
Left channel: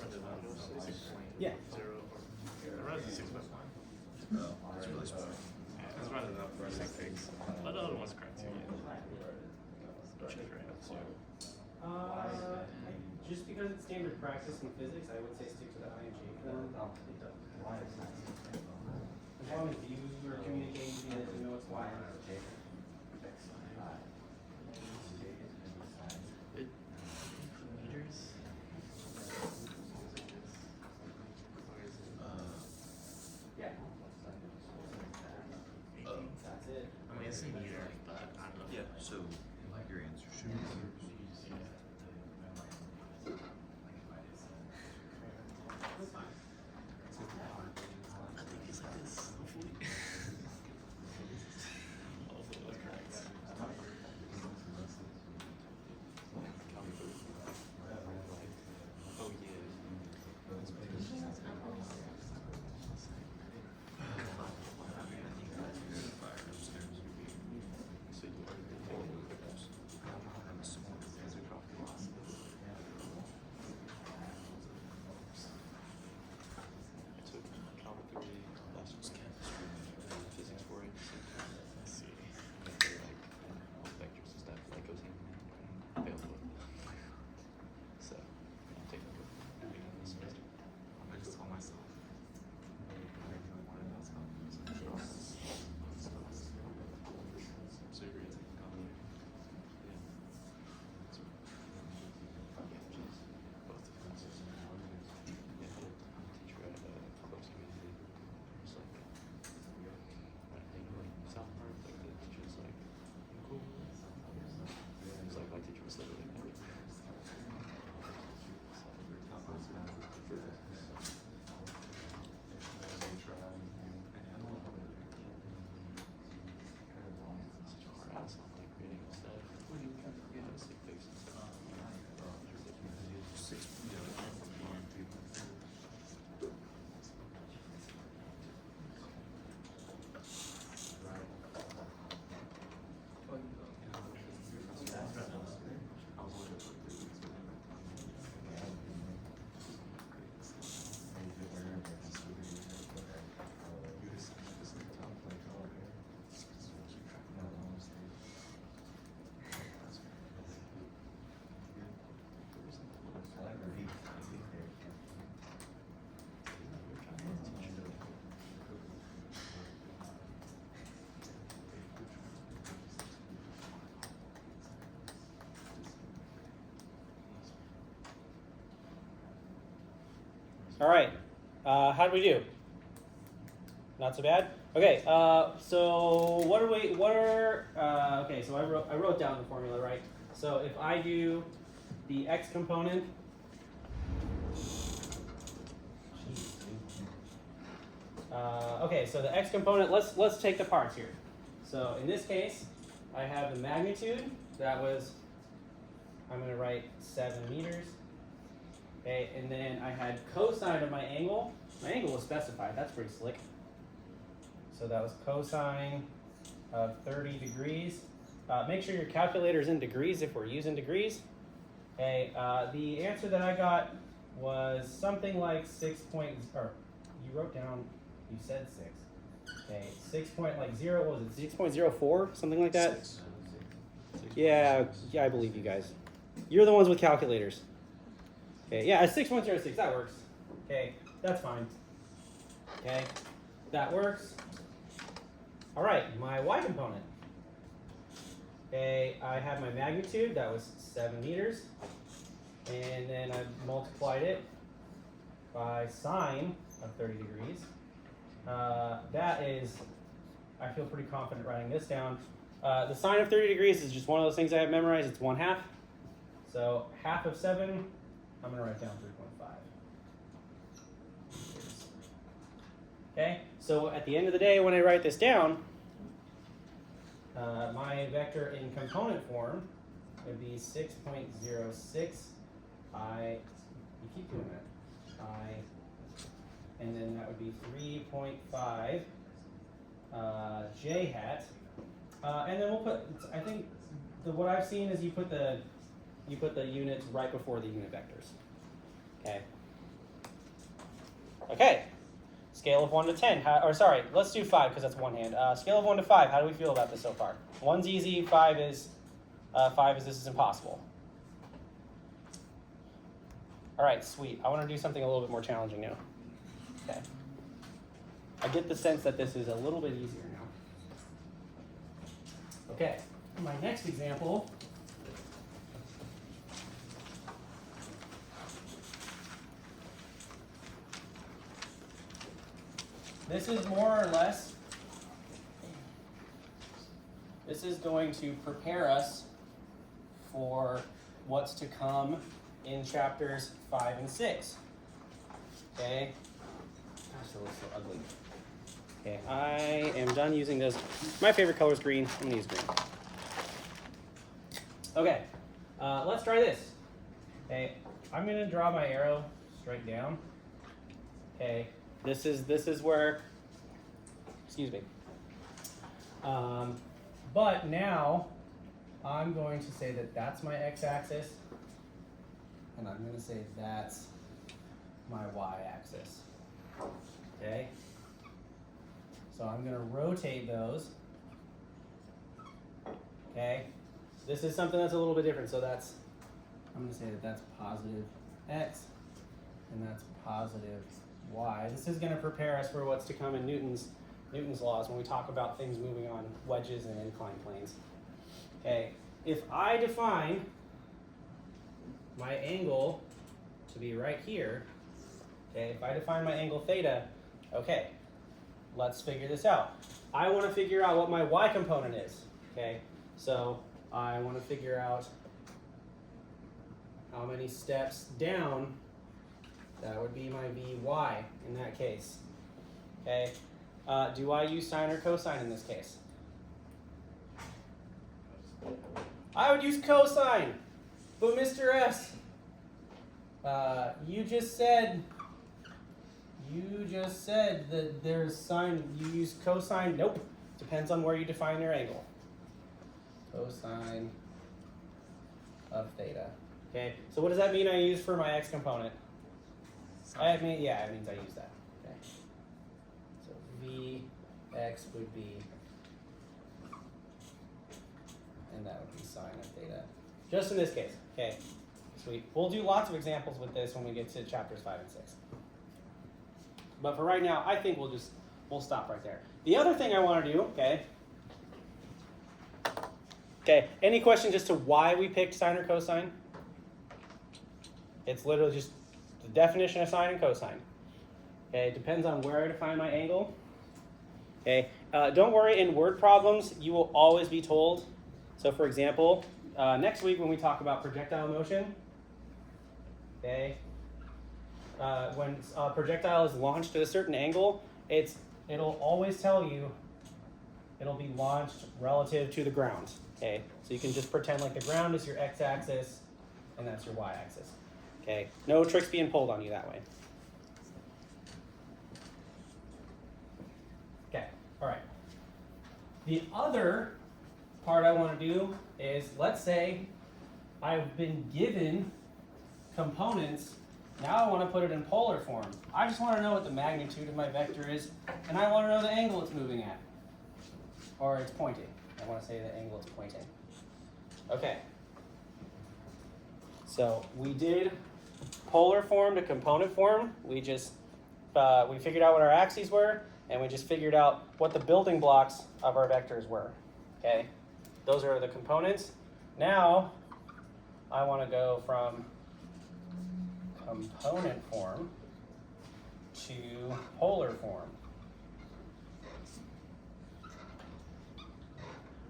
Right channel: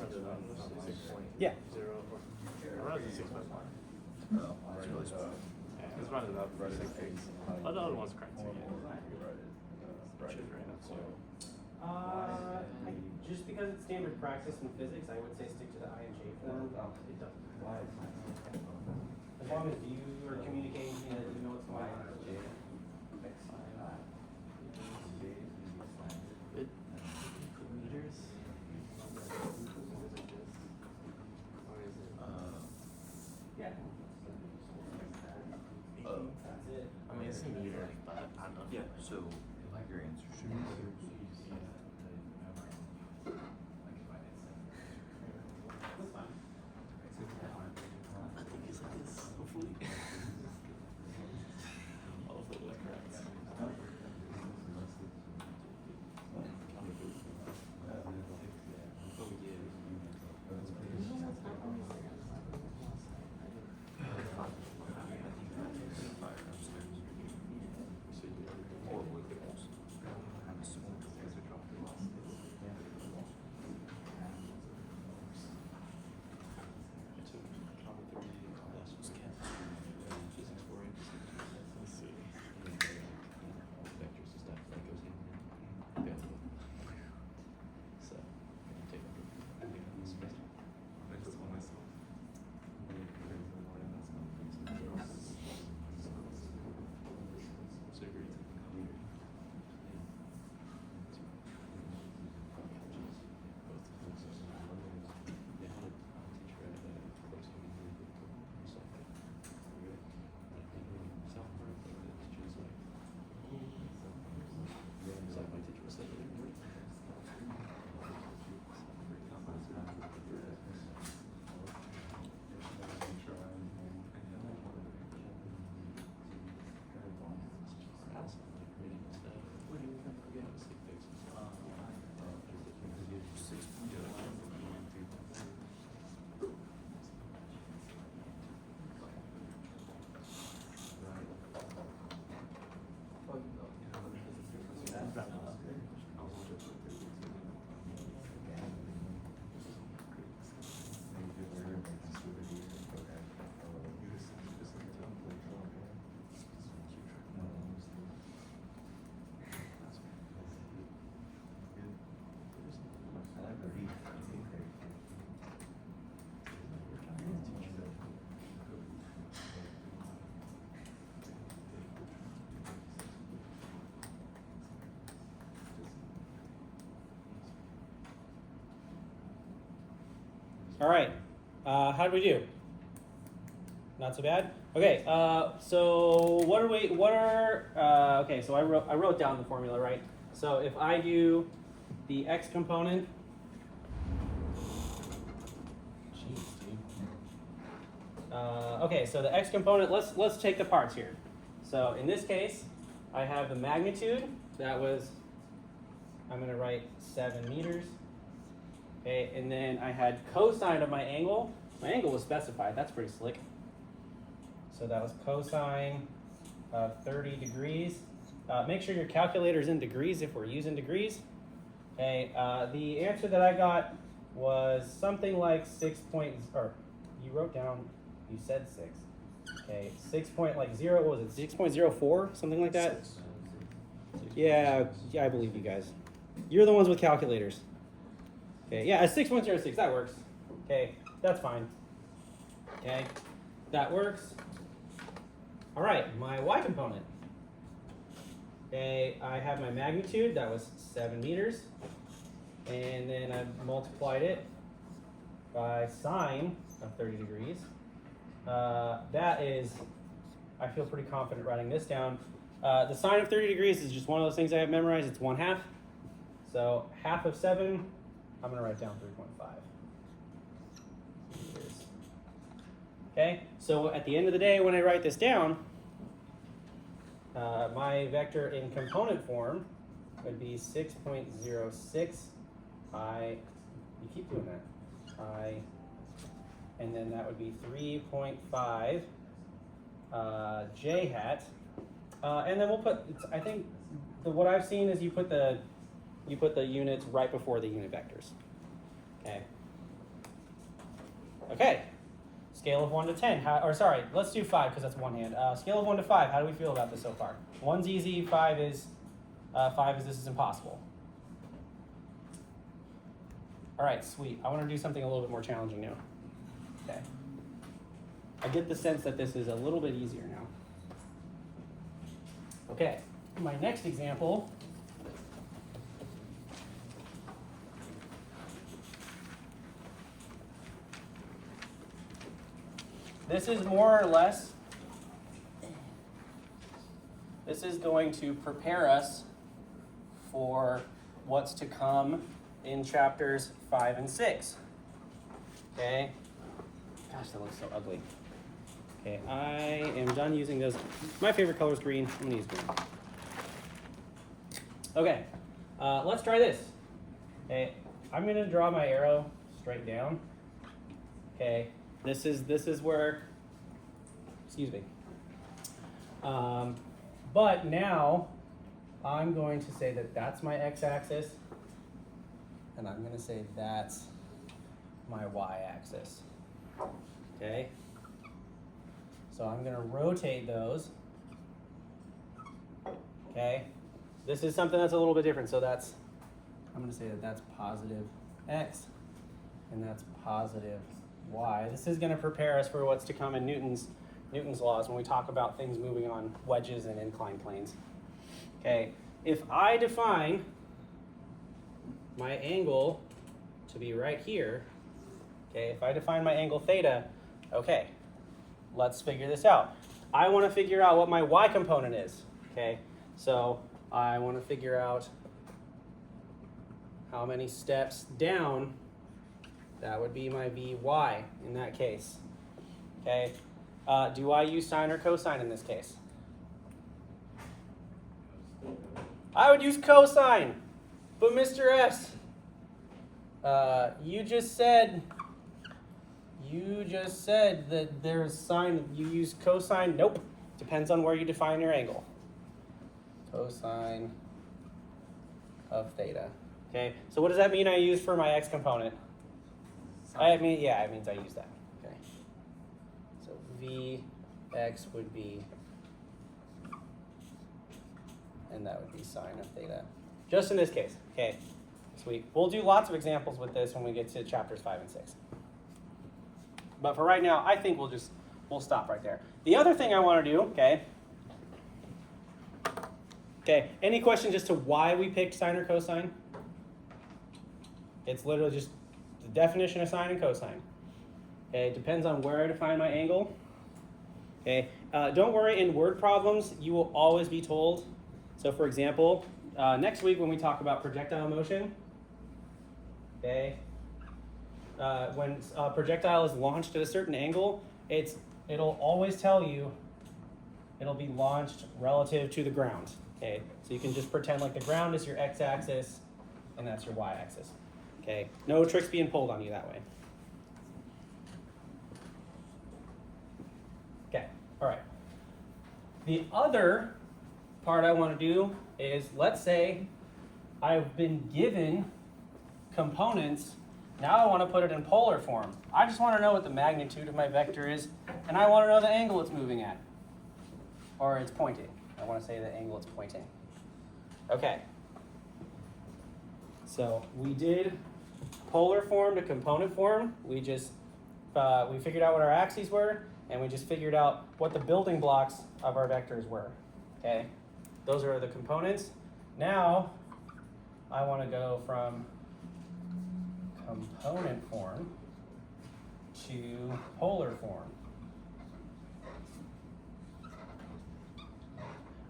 rather than 6.0 Yeah. or I'd rather than 6.1. No, it's really small. It's rather than 6.6. But the other one's correct too. Which is right. Just because it's standard practice in physics, I would say stick to the INJ for that. It doesn't. As long as you are communicating to me that you know it's why. Meters? Yeah. That's it. I mean, it's in meters, but I don't know. Yeah, so I like your answer. Should we That's fine. It's like this, hopefully. Hopefully it was correct. Oh, I just told myself. So you're taking coffee? All right. How did we do? Not so bad. Okay. So what are we? What are? Okay. So I wrote down the formula, right? So if I do the x component. Jeez, dude. Okay. So the x component. Let's take the parts here. So in this case, I have the magnitude. That was. I'm going to write 7 meters. Okay, and then I had cosine of my angle. My angle was specified. That's pretty slick. So that was cosine of 30 degrees. Make sure your calculator is in degrees if we're using degrees. Okay, the answer that I got was something like 6 point, or you wrote down, you said 6. Okay, 6.0, what was it, 6.04, something like that? Yeah, I believe you guys. You're the ones with calculators. Okay, yeah, 6.06, that works. Okay, that's fine. Okay, that works. All right, my y component. Okay, I have my magnitude, that was 7 meters. And then I multiplied it by sine of 30 degrees. That is, I feel pretty confident writing this down. The sine of 30 degrees is just one of those things I have memorized. It's 1/2. So half of 7, I'm gonna write down 3.5. Okay, so at the end of the day, when I write this down, my vector in component form would be 6.06 I, you keep doing that, I, and then that would be 3.5 j hat, and then we'll put, I think, what I've seen is you put the units right before the unit vectors. Okay, Okay. Scale of 1 to 10. Or sorry, let's do 5 because that's one hand. Scale of 1 to 5. How do we feel about this so far? 1's easy. 5 is this is impossible. All right, sweet. I want to do something a little bit more challenging now. Okay. I get the sense that this is a little bit easier now. Okay. My next example. This is more or less, this is going to prepare us for what's to come in chapters 5 and 6. Okay? Gosh, that looks so ugly. Okay, I am done using those. My favorite color is green. I'm gonna use green. Okay, let's try this. Okay, I'm gonna draw my arrow straight down. Okay, this is where, excuse me. But now I'm going to say that that's my x-axis, and I'm going to say that's my y-axis. Okay? So I'm going to rotate those. Okay? This is something that's a little bit different. So that's, I'm going to say that that's positive x, and that's positive y. This is going to prepare us for what's to come in Newton's laws when we talk about things moving on wedges and inclined planes. Okay, if I define my angle to be right here, okay, if I define my angle theta, okay, let's figure this out. I want to figure out what my y component is, okay? So I want to figure out how many steps down that would be my Vy in that case, okay? Do I use sine or cosine in this case? I would use cosine, but Mr. S, you just said that there's sine, you use cosine. Nope, depends on where you define your angle. Cosine of theta. Okay, so what does that mean I use for my x component? It means I use that. Okay. So Vx would be, and that would be sine of theta. Just in this case. Okay. Sweet. We'll do lots of examples with this when we get to chapters 5 and 6. But for right now, I think we'll stop right there. The other thing I want to do, okay. Okay, any questions as to why we picked sine or cosine? It's literally just the definition of sine and cosine. Okay, it depends on where I define my angle. Okay, don't worry, in word problems, you will always be told. So for example, next week when we talk about projectile motion, okay, when a projectile is launched at a certain angle, it'll always tell you it'll be launched relative to the ground. Okay, so you can just pretend like the ground is your x-axis and that's your y-axis. Okay, no tricks being pulled on you that way. Okay, all right. The other part I want to do is, let's say I've been given components. Now I want to put it in polar form. I just want to know what the magnitude of my vector is, and I want to know the angle it's moving at, or it's pointing. I want to say the angle it's pointing. Okay. So we did polar form to component form. We just we figured out what our axes were, and we just figured out what the building blocks of our vectors were. Okay, those are the components. Now I want to go from component form to polar form.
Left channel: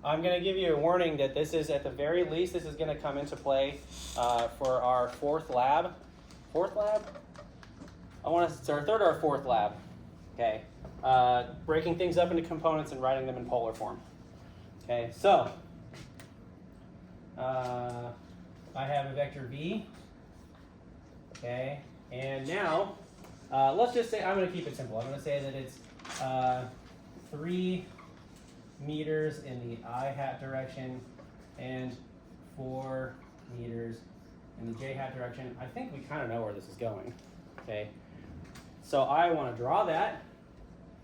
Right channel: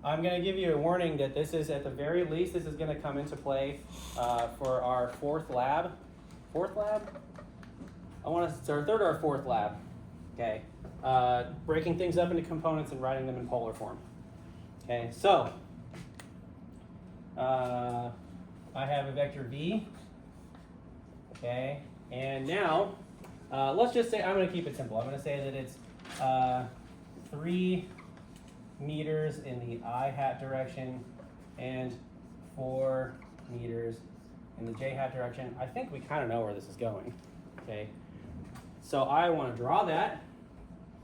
I'm going to give you a warning that this is, at the very least, this is going to come into play for our fourth lab. Fourth lab? It's our third or fourth lab. Okay. Breaking things up into components and writing them in polar form. Okay, so I have a vector v. Okay, and now let's just say, I'm going to keep it simple. I'm going to say that it's 3 meters in the I-hat direction and 4 meters in the J-hat direction. I think we kind of know where this is going. Okay, So I want to draw that.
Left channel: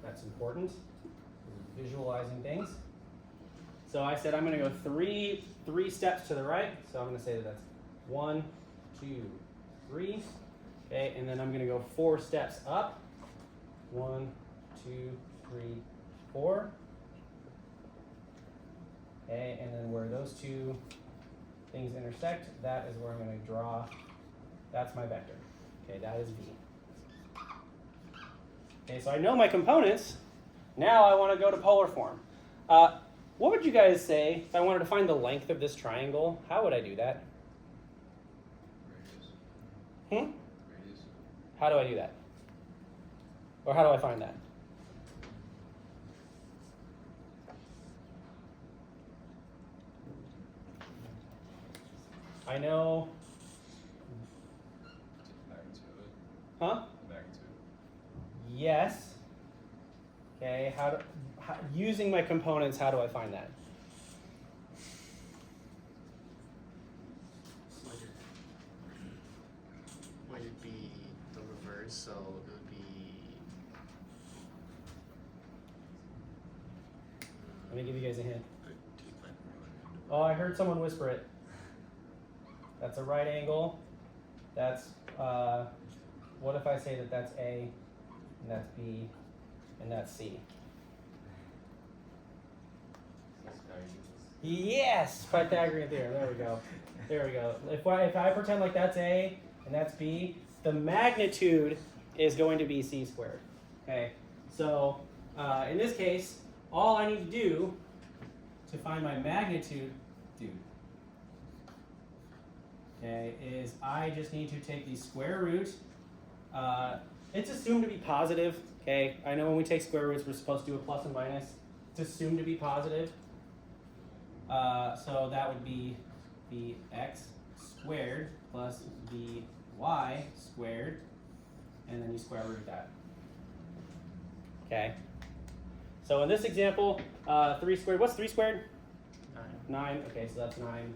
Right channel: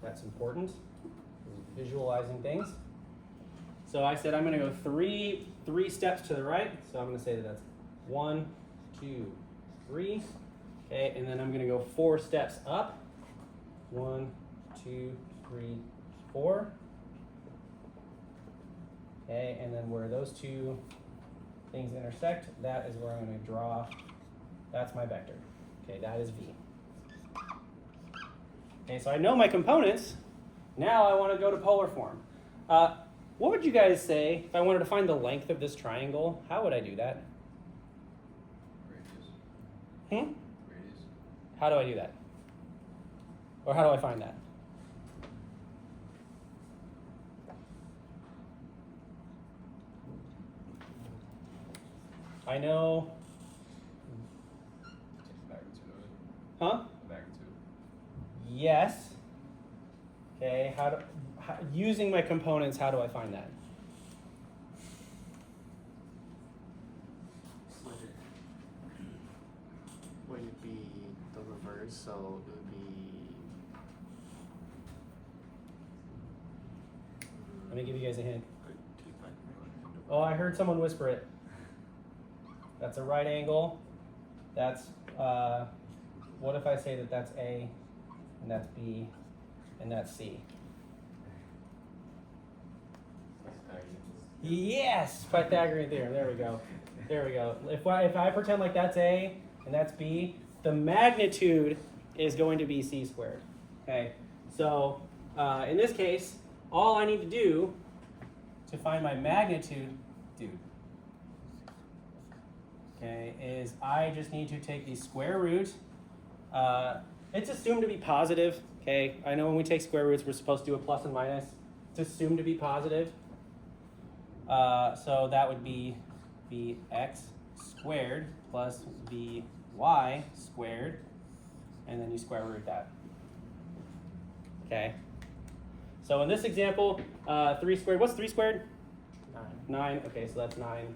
That's important. Visualizing things. So I said I'm going to go three steps to the right. So I'm going to say that that's 1, 2, 3. Okay, and then I'm going to go 4 steps up. 1, 2, 3, 4. Okay, and then where those two things intersect, that is where I'm going to draw. That's my vector. Okay, that is V. Okay, so I know my components. Now I want to go to polar form. What would you guys say if I wanted to find the length of this triangle? How would I do that? Radius. How do I do that? Or how do I find that? I know. Magnitude. Huh? Magnitude. Yes. Okay, using my components, how do I find that? Would it be the reverse? So it would be. Let me give you guys a hint. Oh, I heard someone whisper it. That's a right angle. That's, what if I say that that's A, and that's B, and that's C? Yes, Pythagorean theorem. There we go. There we go. If I pretend like that's A and that's B, the magnitude is going to be C squared. Okay. So in this case, all I need to do to find my magnitude, okay, is I just need to take the square root. It's assumed to be positive. Okay. I know when we take square roots, we're supposed to do a plus and minus. It's assumed to be positive. So that would be Vx squared plus Vy squared, and then you square root that. Okay. So in this example, 3 squared, what's 3 squared? 9. Okay, so that's 9.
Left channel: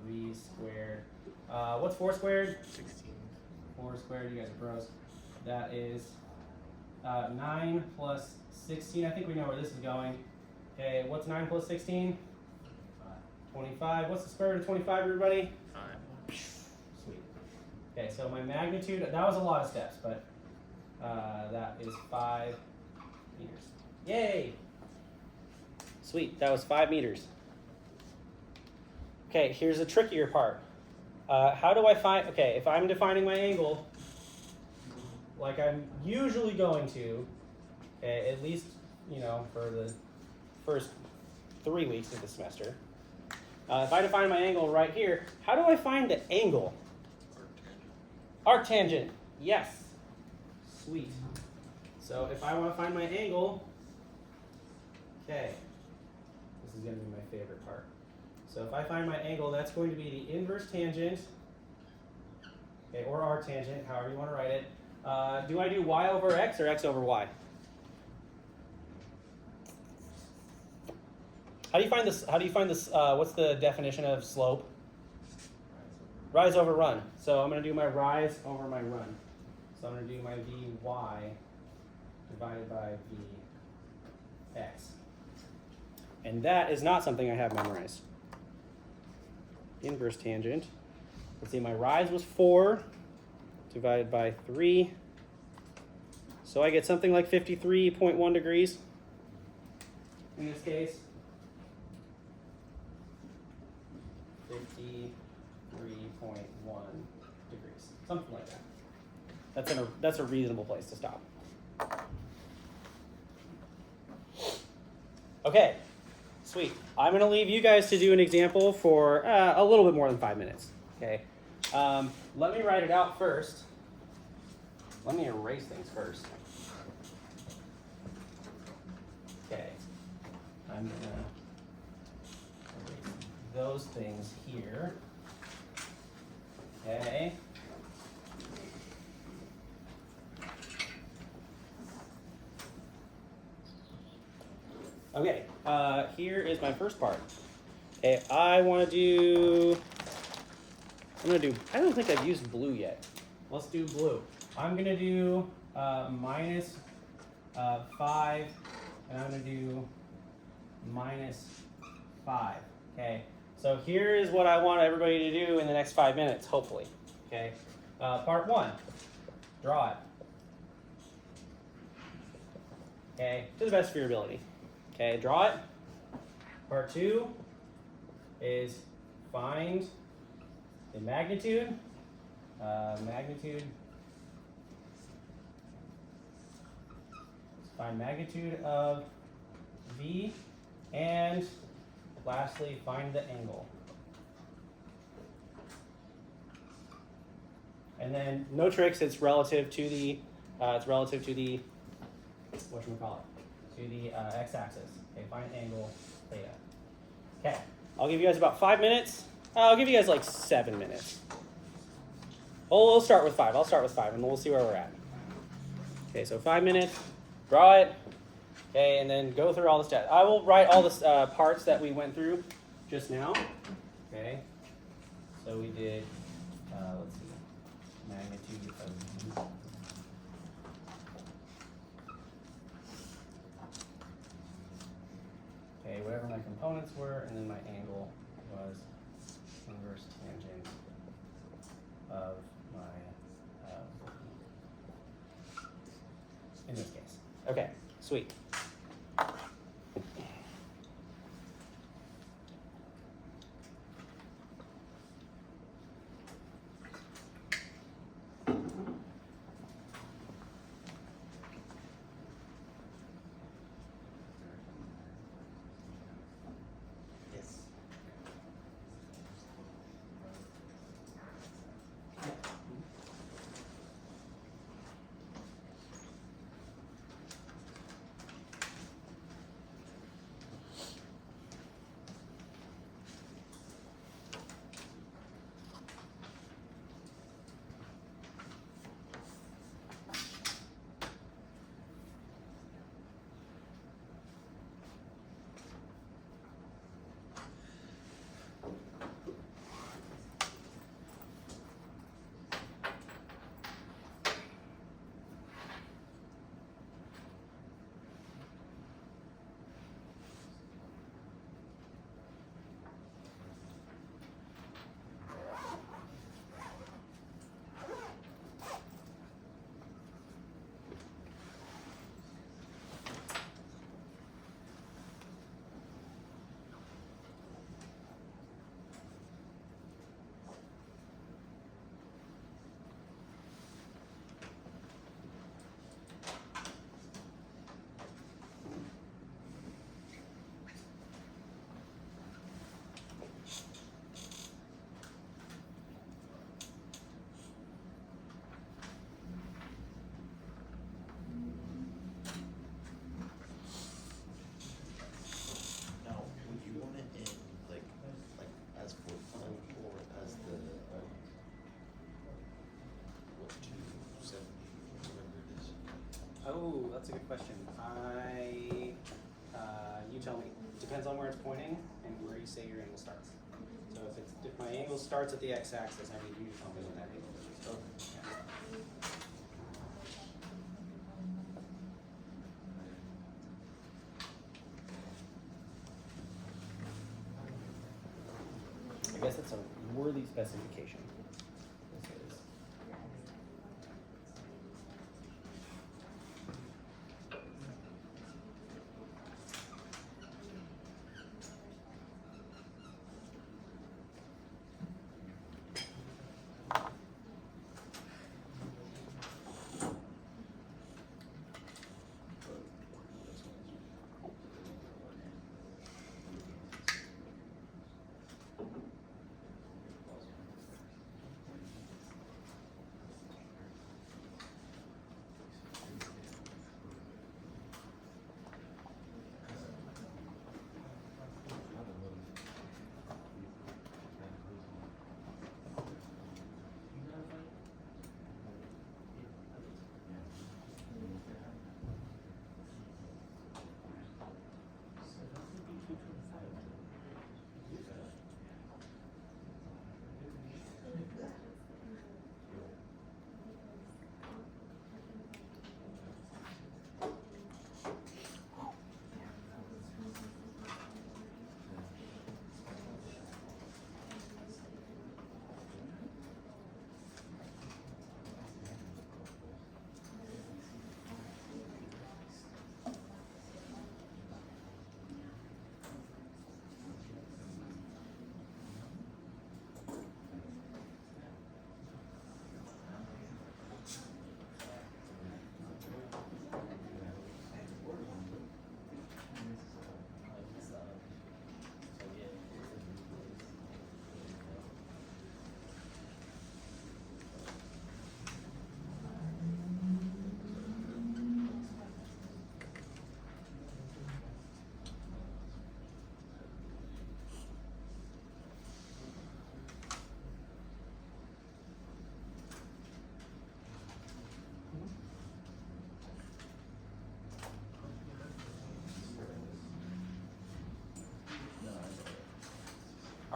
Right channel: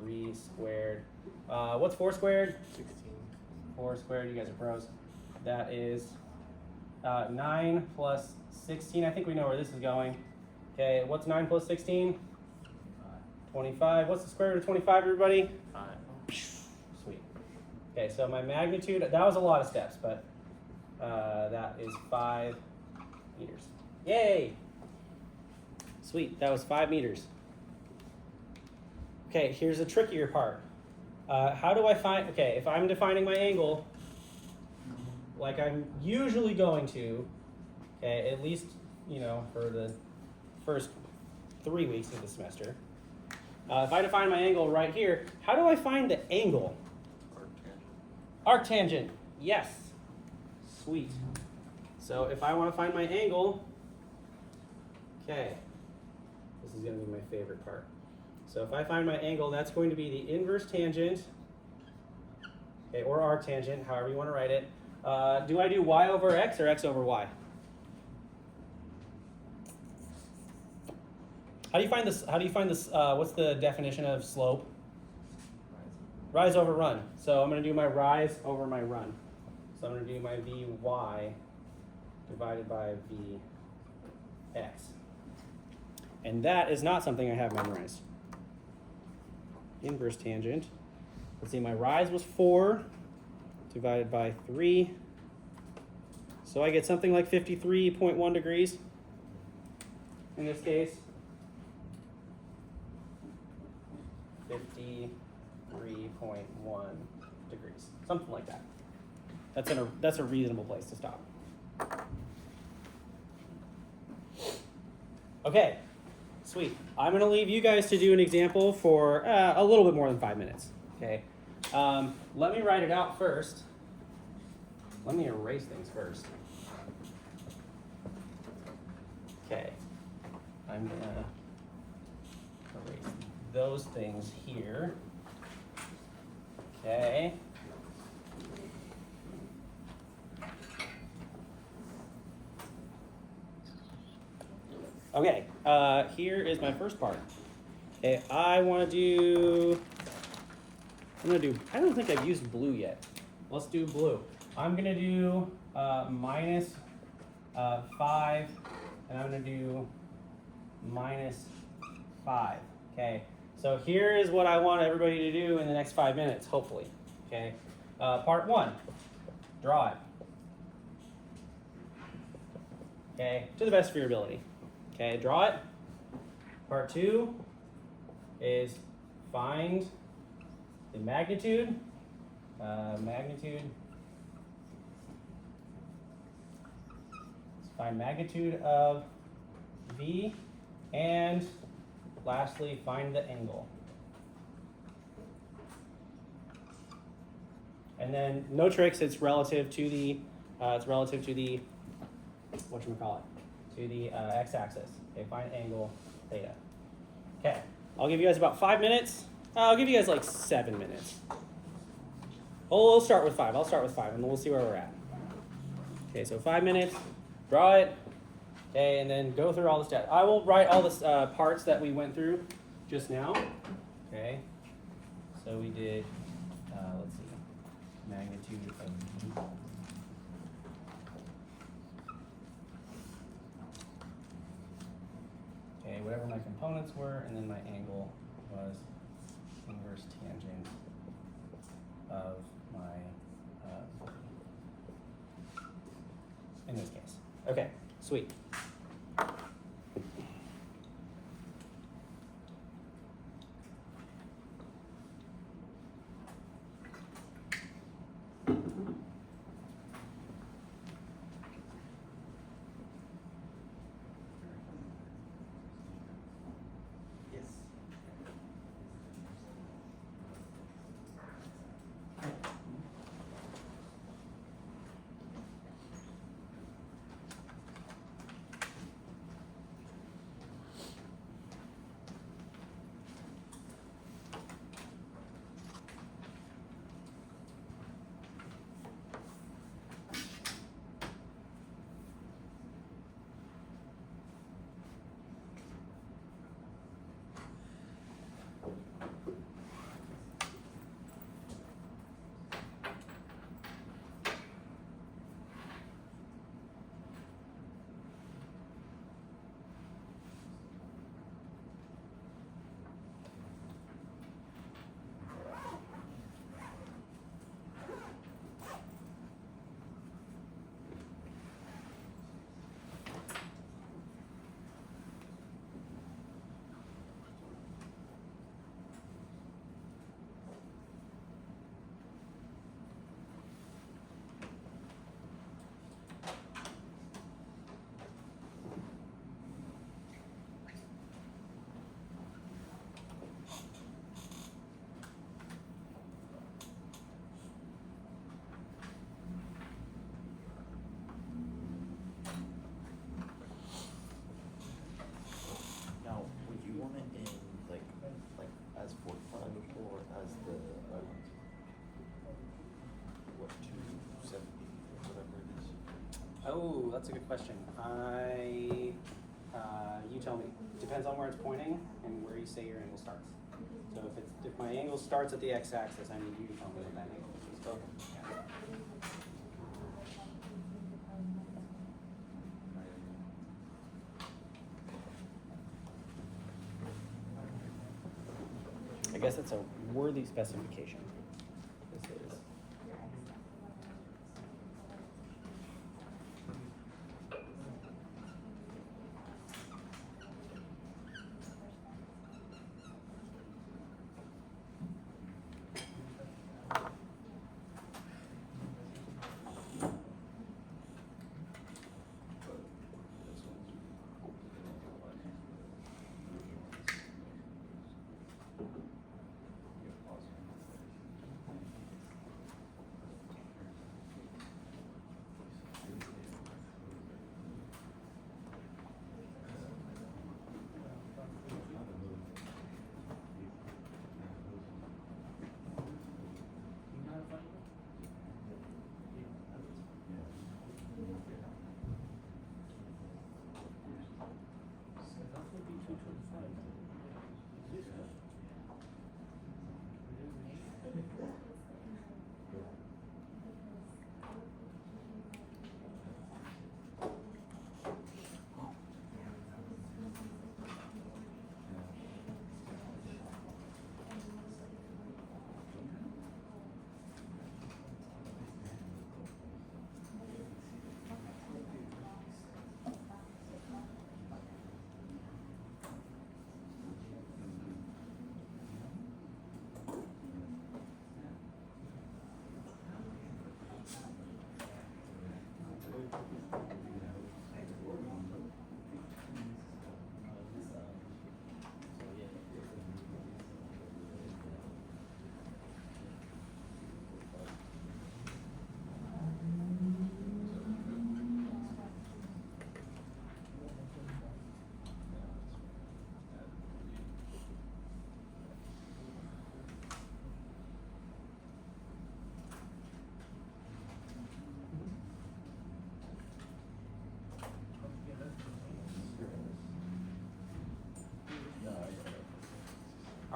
3 squared. What's 4 squared? 16. 4 squared, you guys are pros. That is 9 plus 16. I think we know where this is going. Okay, what's 9 plus 16? 25. What's the square root of 25, everybody? 5. Sweet. Okay, so my magnitude, that was a lot of steps, but that is 5 meters. Yay! Sweet, that was 5 meters. Okay, here's the trickier part. How do I find, okay, if I'm defining my angle, like I'm usually going to, okay, at least, you know, for the first 3 weeks of the semester. If I define my angle right here, how do I find the angle? Arctangent. Yes. Sweet. So if I want to find my angle, okay, this is going to be my favorite part. So if I find my angle, that's going to be the inverse tangent, okay, or arctangent, however you want to write it. Do I do y over x or x over y? How do you find this? How do you find this? What's the definition of slope? Rise over run. So I'm going to do my rise over my run. So I'm going to do my Vy divided by Vx. And that is not something I have memorized. Inverse tangent. Let's see, my rise was 4 divided by 3. So I get something like 53.1 degrees in this case. 53.1 degrees, something like that. That's a reasonable place to stop. Okay, sweet. I'm going to leave you guys to do an example for a little bit more than 5 minutes. Okay, let me write it out first. Let me erase things first. Okay, I'm going to erase those things here. Okay. Okay, here is my first part. Okay, I don't think I've used blue yet. let's do blue. I'm gonna do minus 5, and I'm gonna do minus 5. Okay, so here is what I want everybody to do in the next 5 minutes, hopefully. Okay, part 1, draw it. Okay, to the best of your ability. Okay, draw it. Part 2 is find the magnitude. Find magnitude of V, and lastly, find the angle. And then no tricks. It's relative to the whatchamacallit, to the x-axis. Okay, find angle theta. Okay, I'll give you guys about 5 minutes. I'll give you guys like 7 minutes. Oh, we'll start with 5. I'll start with 5, and we'll see where we're at. Okay, so 5 minutes. Draw it. Okay, and then go through all the stats. I will write all the parts that we went through just now. Okay, so we did, let's see, magnitude of V. Okay, whatever my components were, and then my angle was inverse tangent of my, in this case. Okay, sweet. Oh, that's a good question. You tell me. It depends on where it's pointing and where you say your angle starts. So if my angle starts at the x-axis, I need you to tell me what that angle is. So, I guess that's a worthy specification. This is.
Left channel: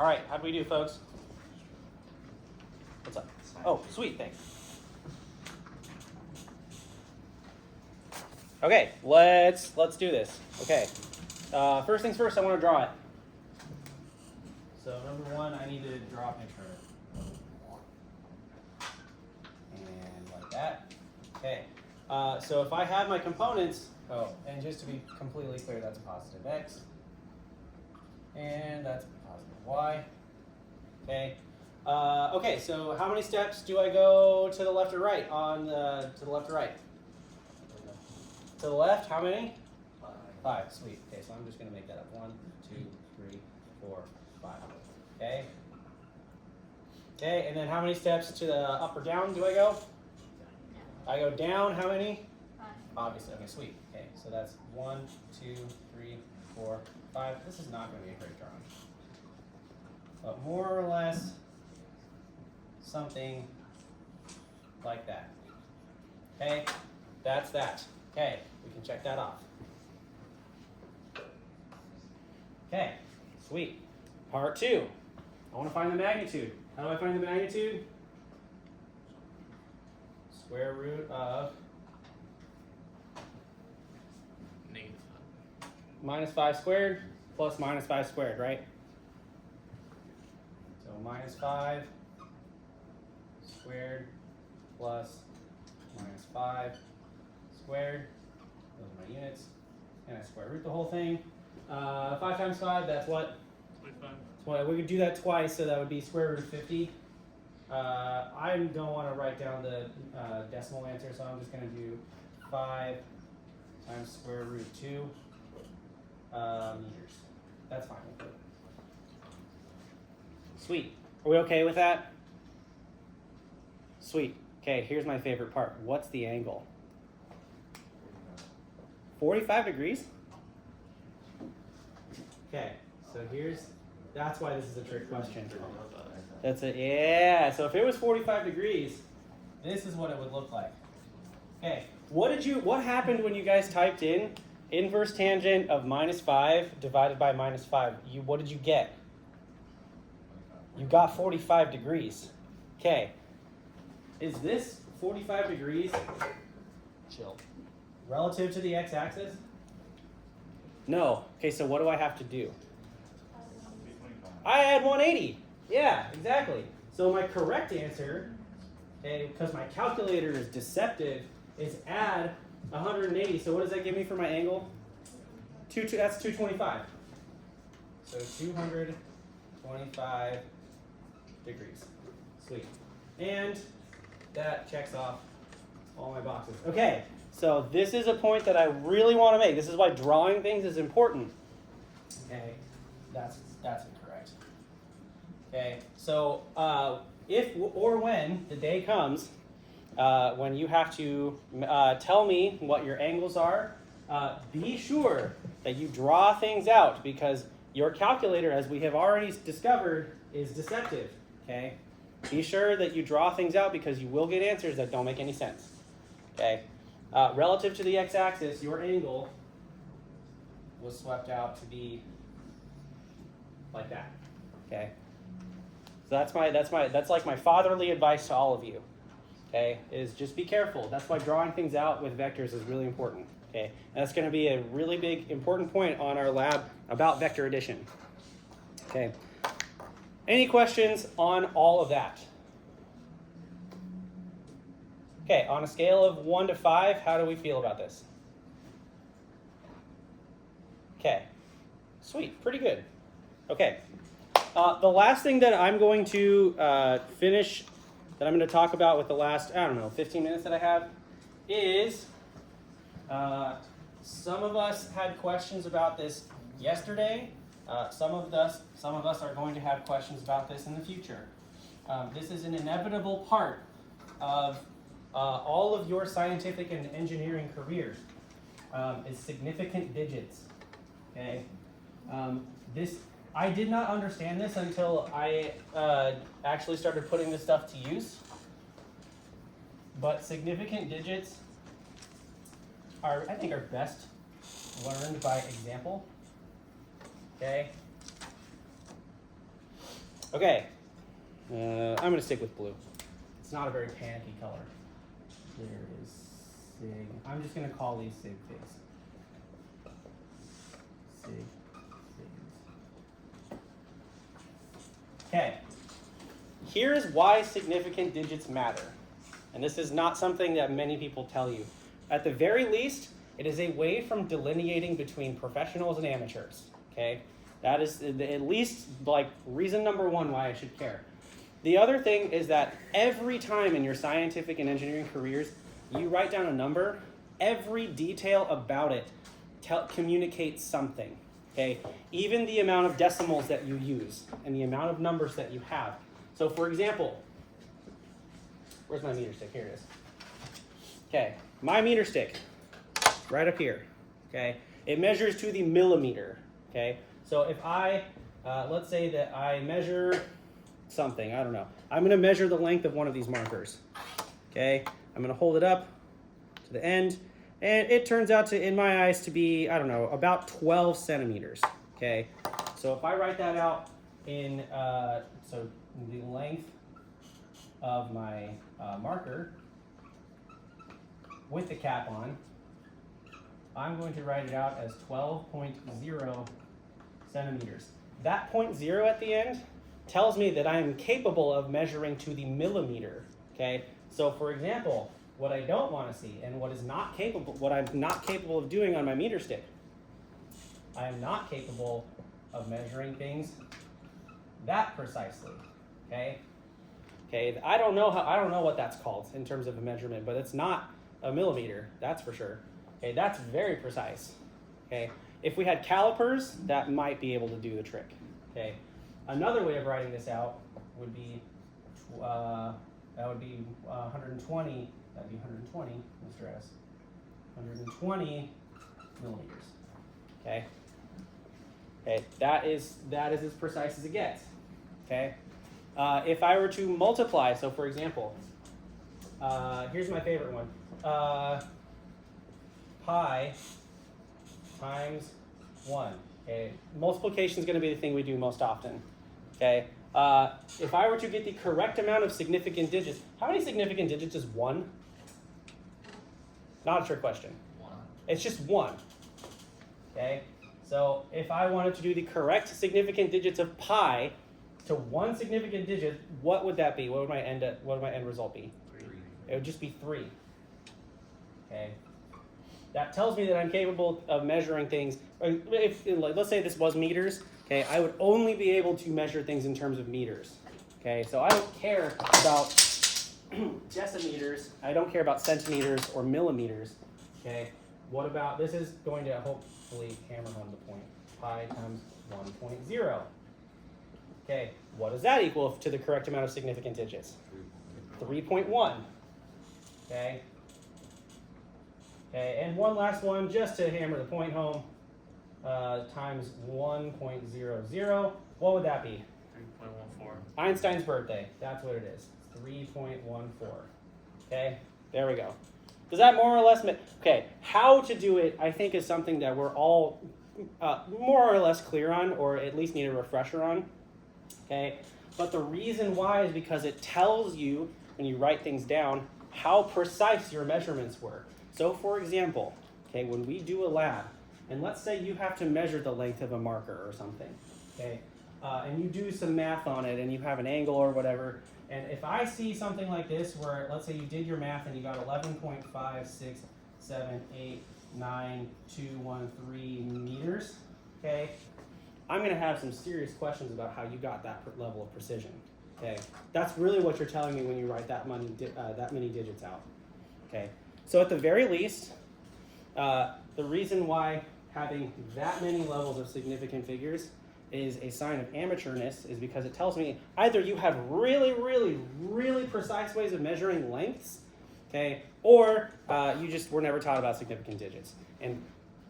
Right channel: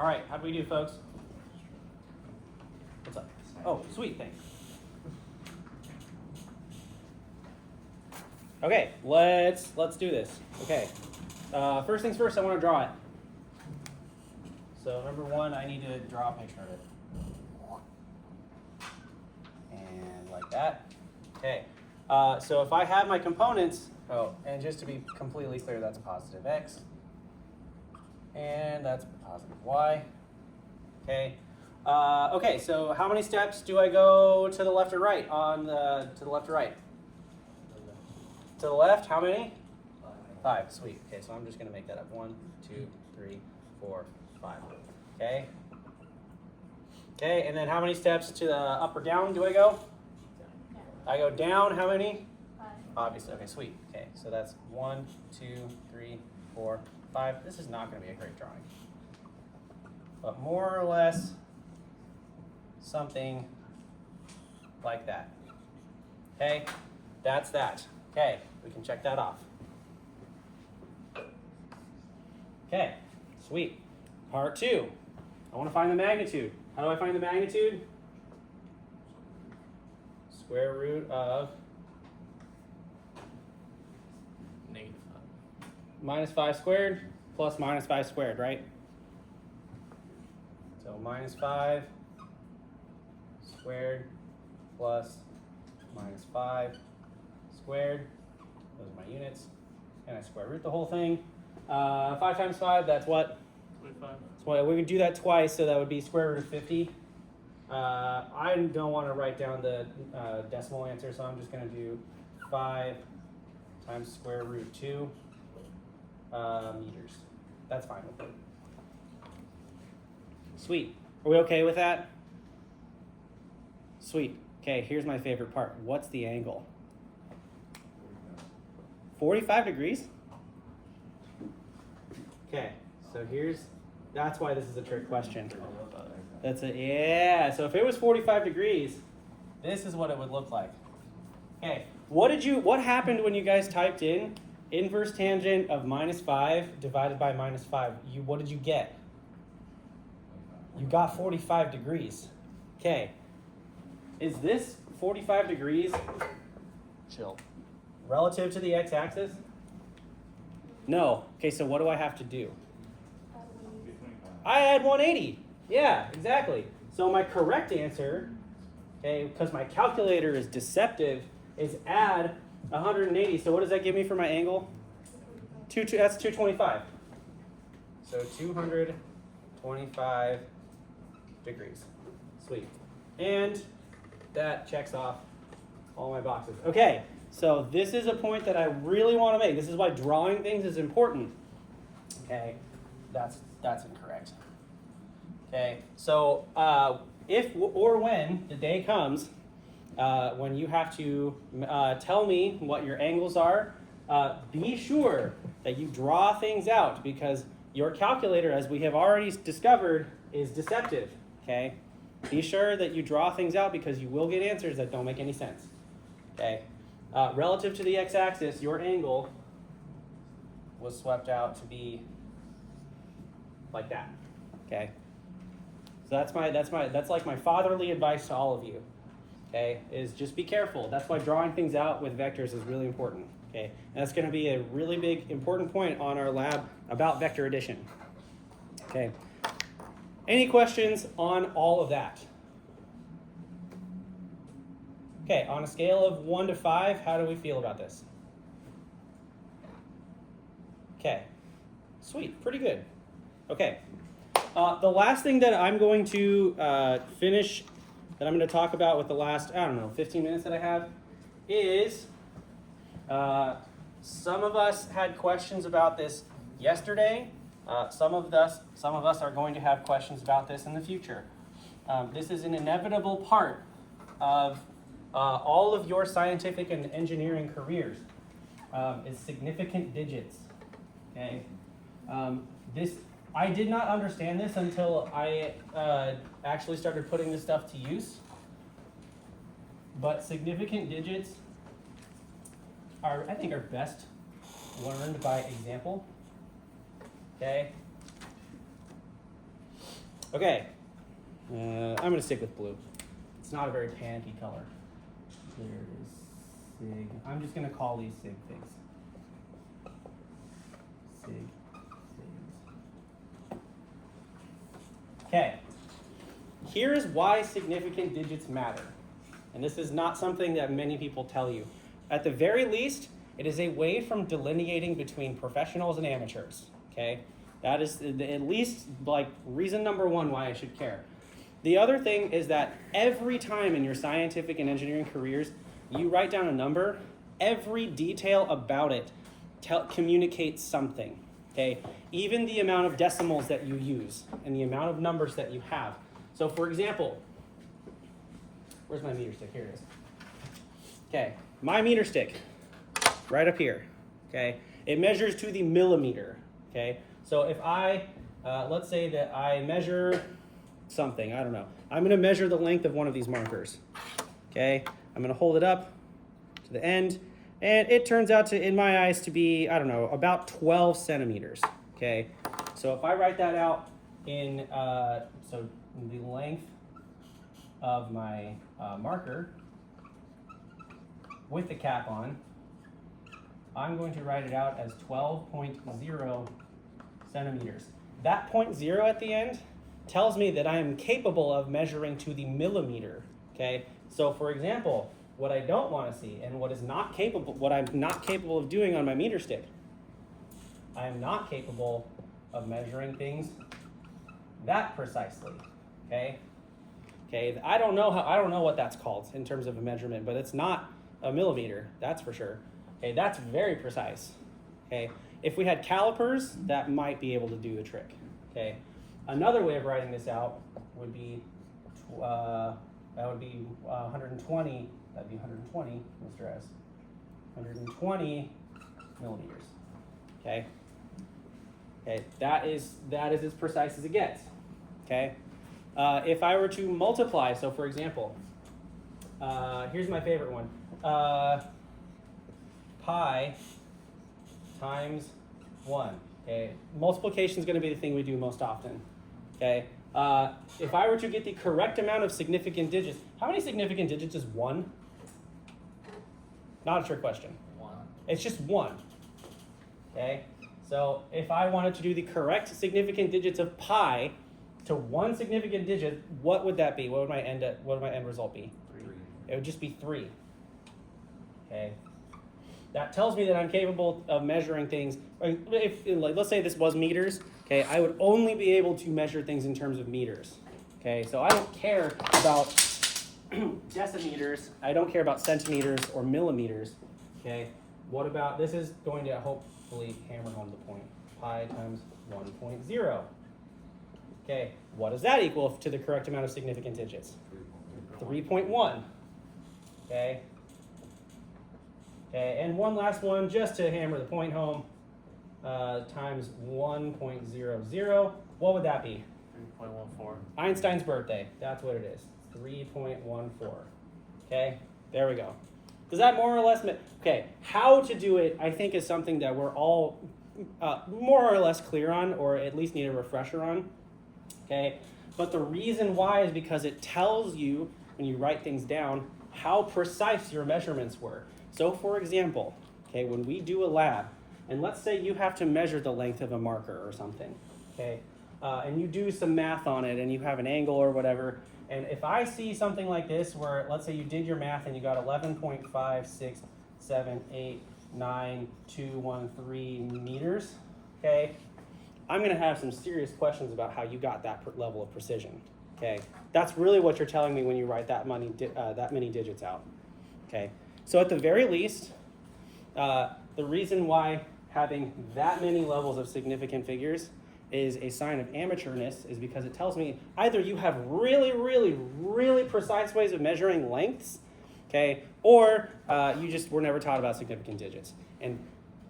All right, how'd we do, folks? What's up? Oh, sweet, thanks. Okay, let's do this. Okay, first things first, I want to draw it. So number one, I need to draw a picture of it. And like that. Okay, so if I have my components, oh, and just to be completely clear, that's a positive x. And that's a positive y. Okay. Okay, so how many steps do I go to the left or right on to the left or right? To the left, how many? 5, sweet. Okay, so I'm just gonna make that up. 1, 2, 3, 4, 5. Okay. Okay, and then how many steps to the up or down do I go? I go down, how many? 5. Obviously, okay, sweet. Okay, so that's 1, 2, 3, 4, 5. This is not gonna be a great drawing. But more or less, something like that. Okay, that's that. Okay, we can check that off. Okay, sweet. Part 2. I want to find the magnitude. How do I find the magnitude? Square root of minus 5 squared plus minus 5 squared, right? So minus 5 squared plus minus 5 squared. Those are my units. And I square root the whole thing. 5 times 5, that's what? 25. So we could do that twice, so that would be square root of 50. I don't want to write down the decimal answer, so I'm just going to do 5 times square root 2 meters. That's fine with me. Sweet. Are we okay with that? Sweet. Okay, here's my favorite part. What's the angle? 45 degrees? Okay, so that's why this is a trick question. Yeah, so if it was 45 degrees, this is what it would look like. Okay, what happened when you guys typed in inverse tangent of minus 5 divided by minus 5? What did you get? You got 45 degrees. Okay, is this 45 degrees Chill. relative to the x-axis? No. Okay, so what do I have to do? I add 180. Yeah, exactly. So my correct answer, okay, because my calculator is deceptive, is add 180. So what does that give me for my angle? That's 225. So 225 degrees. Sweet. And that checks off all my boxes. Okay, so this is a point that I really want to make. This is why drawing things is important. Okay, that's incorrect. Okay, so if or when the day comes when you have to tell me what your angles are, be sure that you draw things out, because your calculator, as we have already discovered, is deceptive. Okay, be sure that you draw things out, because you will get answers that don't make any sense. Okay, relative to the x-axis, your angle was swept out to be like that. Okay, so that's like my fatherly advice to all of you. Okay, is just be careful. That's why drawing things out with vectors is really important. Okay, and that's going to be a really big important point on our lab about vector addition. Okay, any questions on all of that? Okay, on a scale of 1 to 5, how do we feel about this? Okay, sweet, pretty good. Okay, the last thing that I'm going to finish, that I'm going to talk about with the last, 15 minutes that I have, is some of us had questions about this yesterday. Some of us are going to have questions about this in the future. This is an inevitable part of all of your scientific and engineering careers, is significant digits. Okay, I did not understand this until I actually started putting this stuff to use. But significant digits I think are best learned by example. Okay. Okay, I'm going to stick with blue. It's not a very panicky color. There is sig. I'm just going to call these sig figs. Sig figs. Okay, here's why significant digits matter. And this is not something that many people tell you. At the very least, it is a way from delineating between professionals and amateurs. Okay, that is at least like reason number one why I should care. The other thing is that every time in your scientific and engineering careers, you write down a number, every detail about it communicates something. Okay, even the amount of decimals that you use and the amount of numbers that you have. So for example, where's my meter stick? Here it is. Okay, my meter stick, right up here. Okay, it measures to the millimeter. Okay, so if I, let's say that I measure something, I don't know. I'm going to measure the length of one of these markers. Okay, I'm going to hold it up to the end, and it turns out to, in my eyes, to be, I don't know, about 12 centimeters. Okay, so if I write that out in, so the length of my marker with the cap on, I'm going to write it out as 12.0 centimeters. That 0.0 at the end tells me that I am capable of measuring to the millimeter. Okay, so for example, what I don't want to see and what I'm not capable of doing on my meter stick, I am not capable of measuring things that precisely. Okay, I don't know what that's called in terms of a measurement, but it's not a millimeter, that's for sure. Okay, that's very precise. Okay, if we had calipers, that might be able to do the trick. Okay, another way of writing this out would be 120. That'd be 120, Mr. S. 120 millimeters. Okay. Okay, that is as precise as it gets. Okay. If I were to multiply, so for example, here's my favorite one. Pi times 1. Okay, multiplication is going to be the thing we do most often. Okay, if I were to get the correct amount of significant digits, how many significant digits is 1? Not a trick question. 1. It's just 1. Okay, so if I wanted to do the correct significant digits of pi to one significant digit, what would that be? What would my end result be? 3. It would just be 3. Okay. That tells me that I'm capable of measuring things. If, like, let's say this was meters, okay, I would only be able to measure things in terms of meters. Okay, so I don't care about decimeters. I don't care about centimeters or millimeters. Okay, what about, this is going to hopefully hammer home the point. Pi times 1.0. Okay, what does that equal to the correct amount of significant digits? 3.1. Okay. Okay, and one last one, just to hammer the point home, times 1.00. What would that be? 3.14. Einstein's birthday. That's what it is. 3.14. Okay, there we go. Does that more or less okay, how to do it, I think, is something that we're all more or less clear on, or at least need a refresher on. Okay, but the reason why is because it tells you, when you write things down, how precise your measurements were. So for example, okay, when we do a lab, and let's say you have to measure the length of a marker or something, okay, and you do some math on it and you have an angle or whatever, and if I see something like this where, let's say you did your math and you got 11.56789213 meters, okay, I'm going to have some serious questions about how you got that level of precision. Okay, that's really what you're telling me when you write that many digits out. Okay, so at the very least, the reason why having that many levels of significant figures is a sign of amateurness is because it tells me either you have really, really, really precise ways of measuring lengths, okay, or you just were never taught about significant digits. And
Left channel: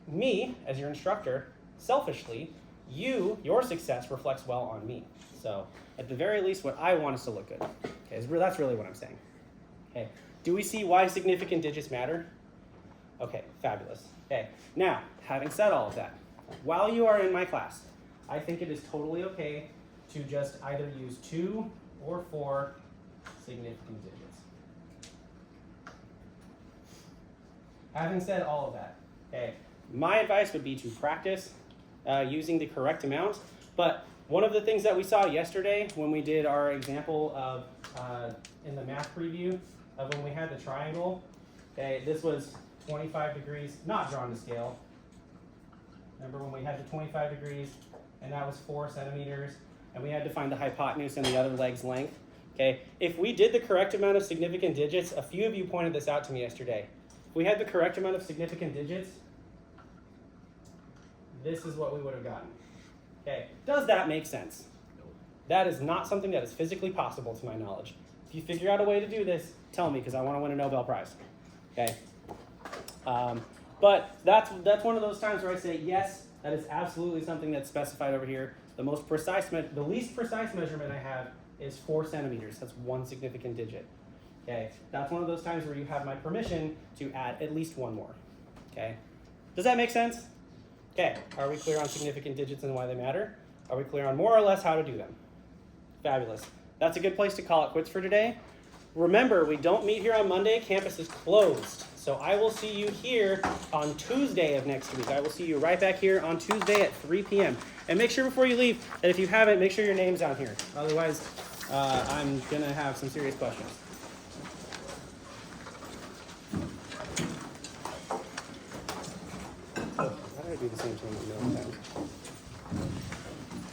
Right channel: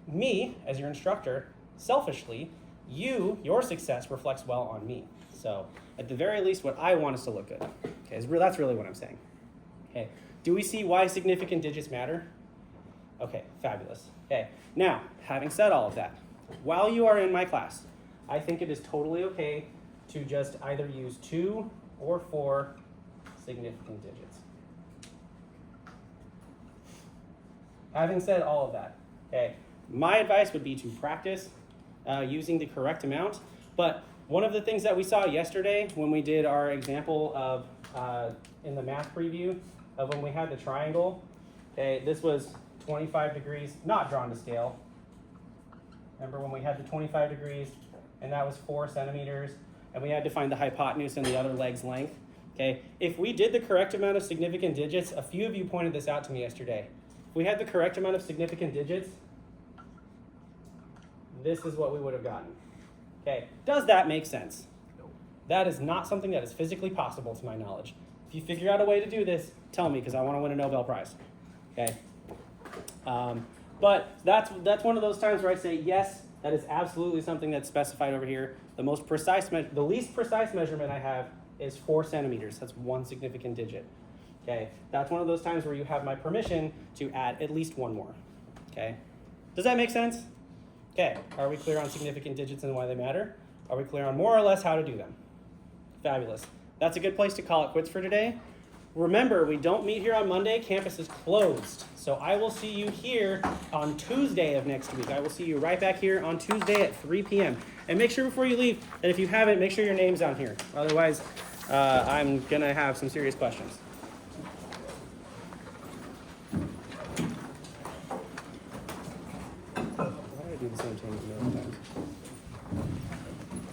me, as your instructor, selfishly, your success reflects well on me. So at the very least, what I want is to look good. Okay, that's really what I'm saying. Okay, do we see why significant digits matter? Okay, fabulous. Okay, now, having said all of that, while you are in my class, I think it is totally okay to just either use 2 or 4 significant digits. Having said all of that, okay, my advice would be to practice using the correct amount. But one of the things that we saw yesterday when we did our example of in the math preview of when we had the triangle, okay, this was 25 degrees, not drawn to scale. Remember when we had the 25 degrees and that was 4 centimeters and we had to find the hypotenuse and the other leg's length. Okay, if we did the correct amount of significant digits, a few of you pointed this out to me yesterday. If we had the correct amount of significant digits, this is what we would have gotten. Okay, does that make sense? That is not something that is physically possible to my knowledge. If you figure out a way to do this, tell me because I want to win a Nobel Prize. Okay, but that's one of those times where I say yes, that is absolutely something that's specified over here. The most precise, the least precise measurement I have is 4 centimeters. That's 1 significant digit. Okay, that's one of those times where you have my permission to add at least 1 more. Okay, does that make sense? Okay, are we clear on significant digits and why they matter? Are we clear on more or less how to do them? Fabulous. That's a good place to call it quits for today. Remember, we don't meet here on Monday. Campus is closed. So I will see you here on Tuesday of next week. I will see you right back here on Tuesday at 3 p.m. And make sure before you leave that if you haven't, make sure your name's down here. Otherwise, I'm going to have some serious questions. Why did I do the same thing?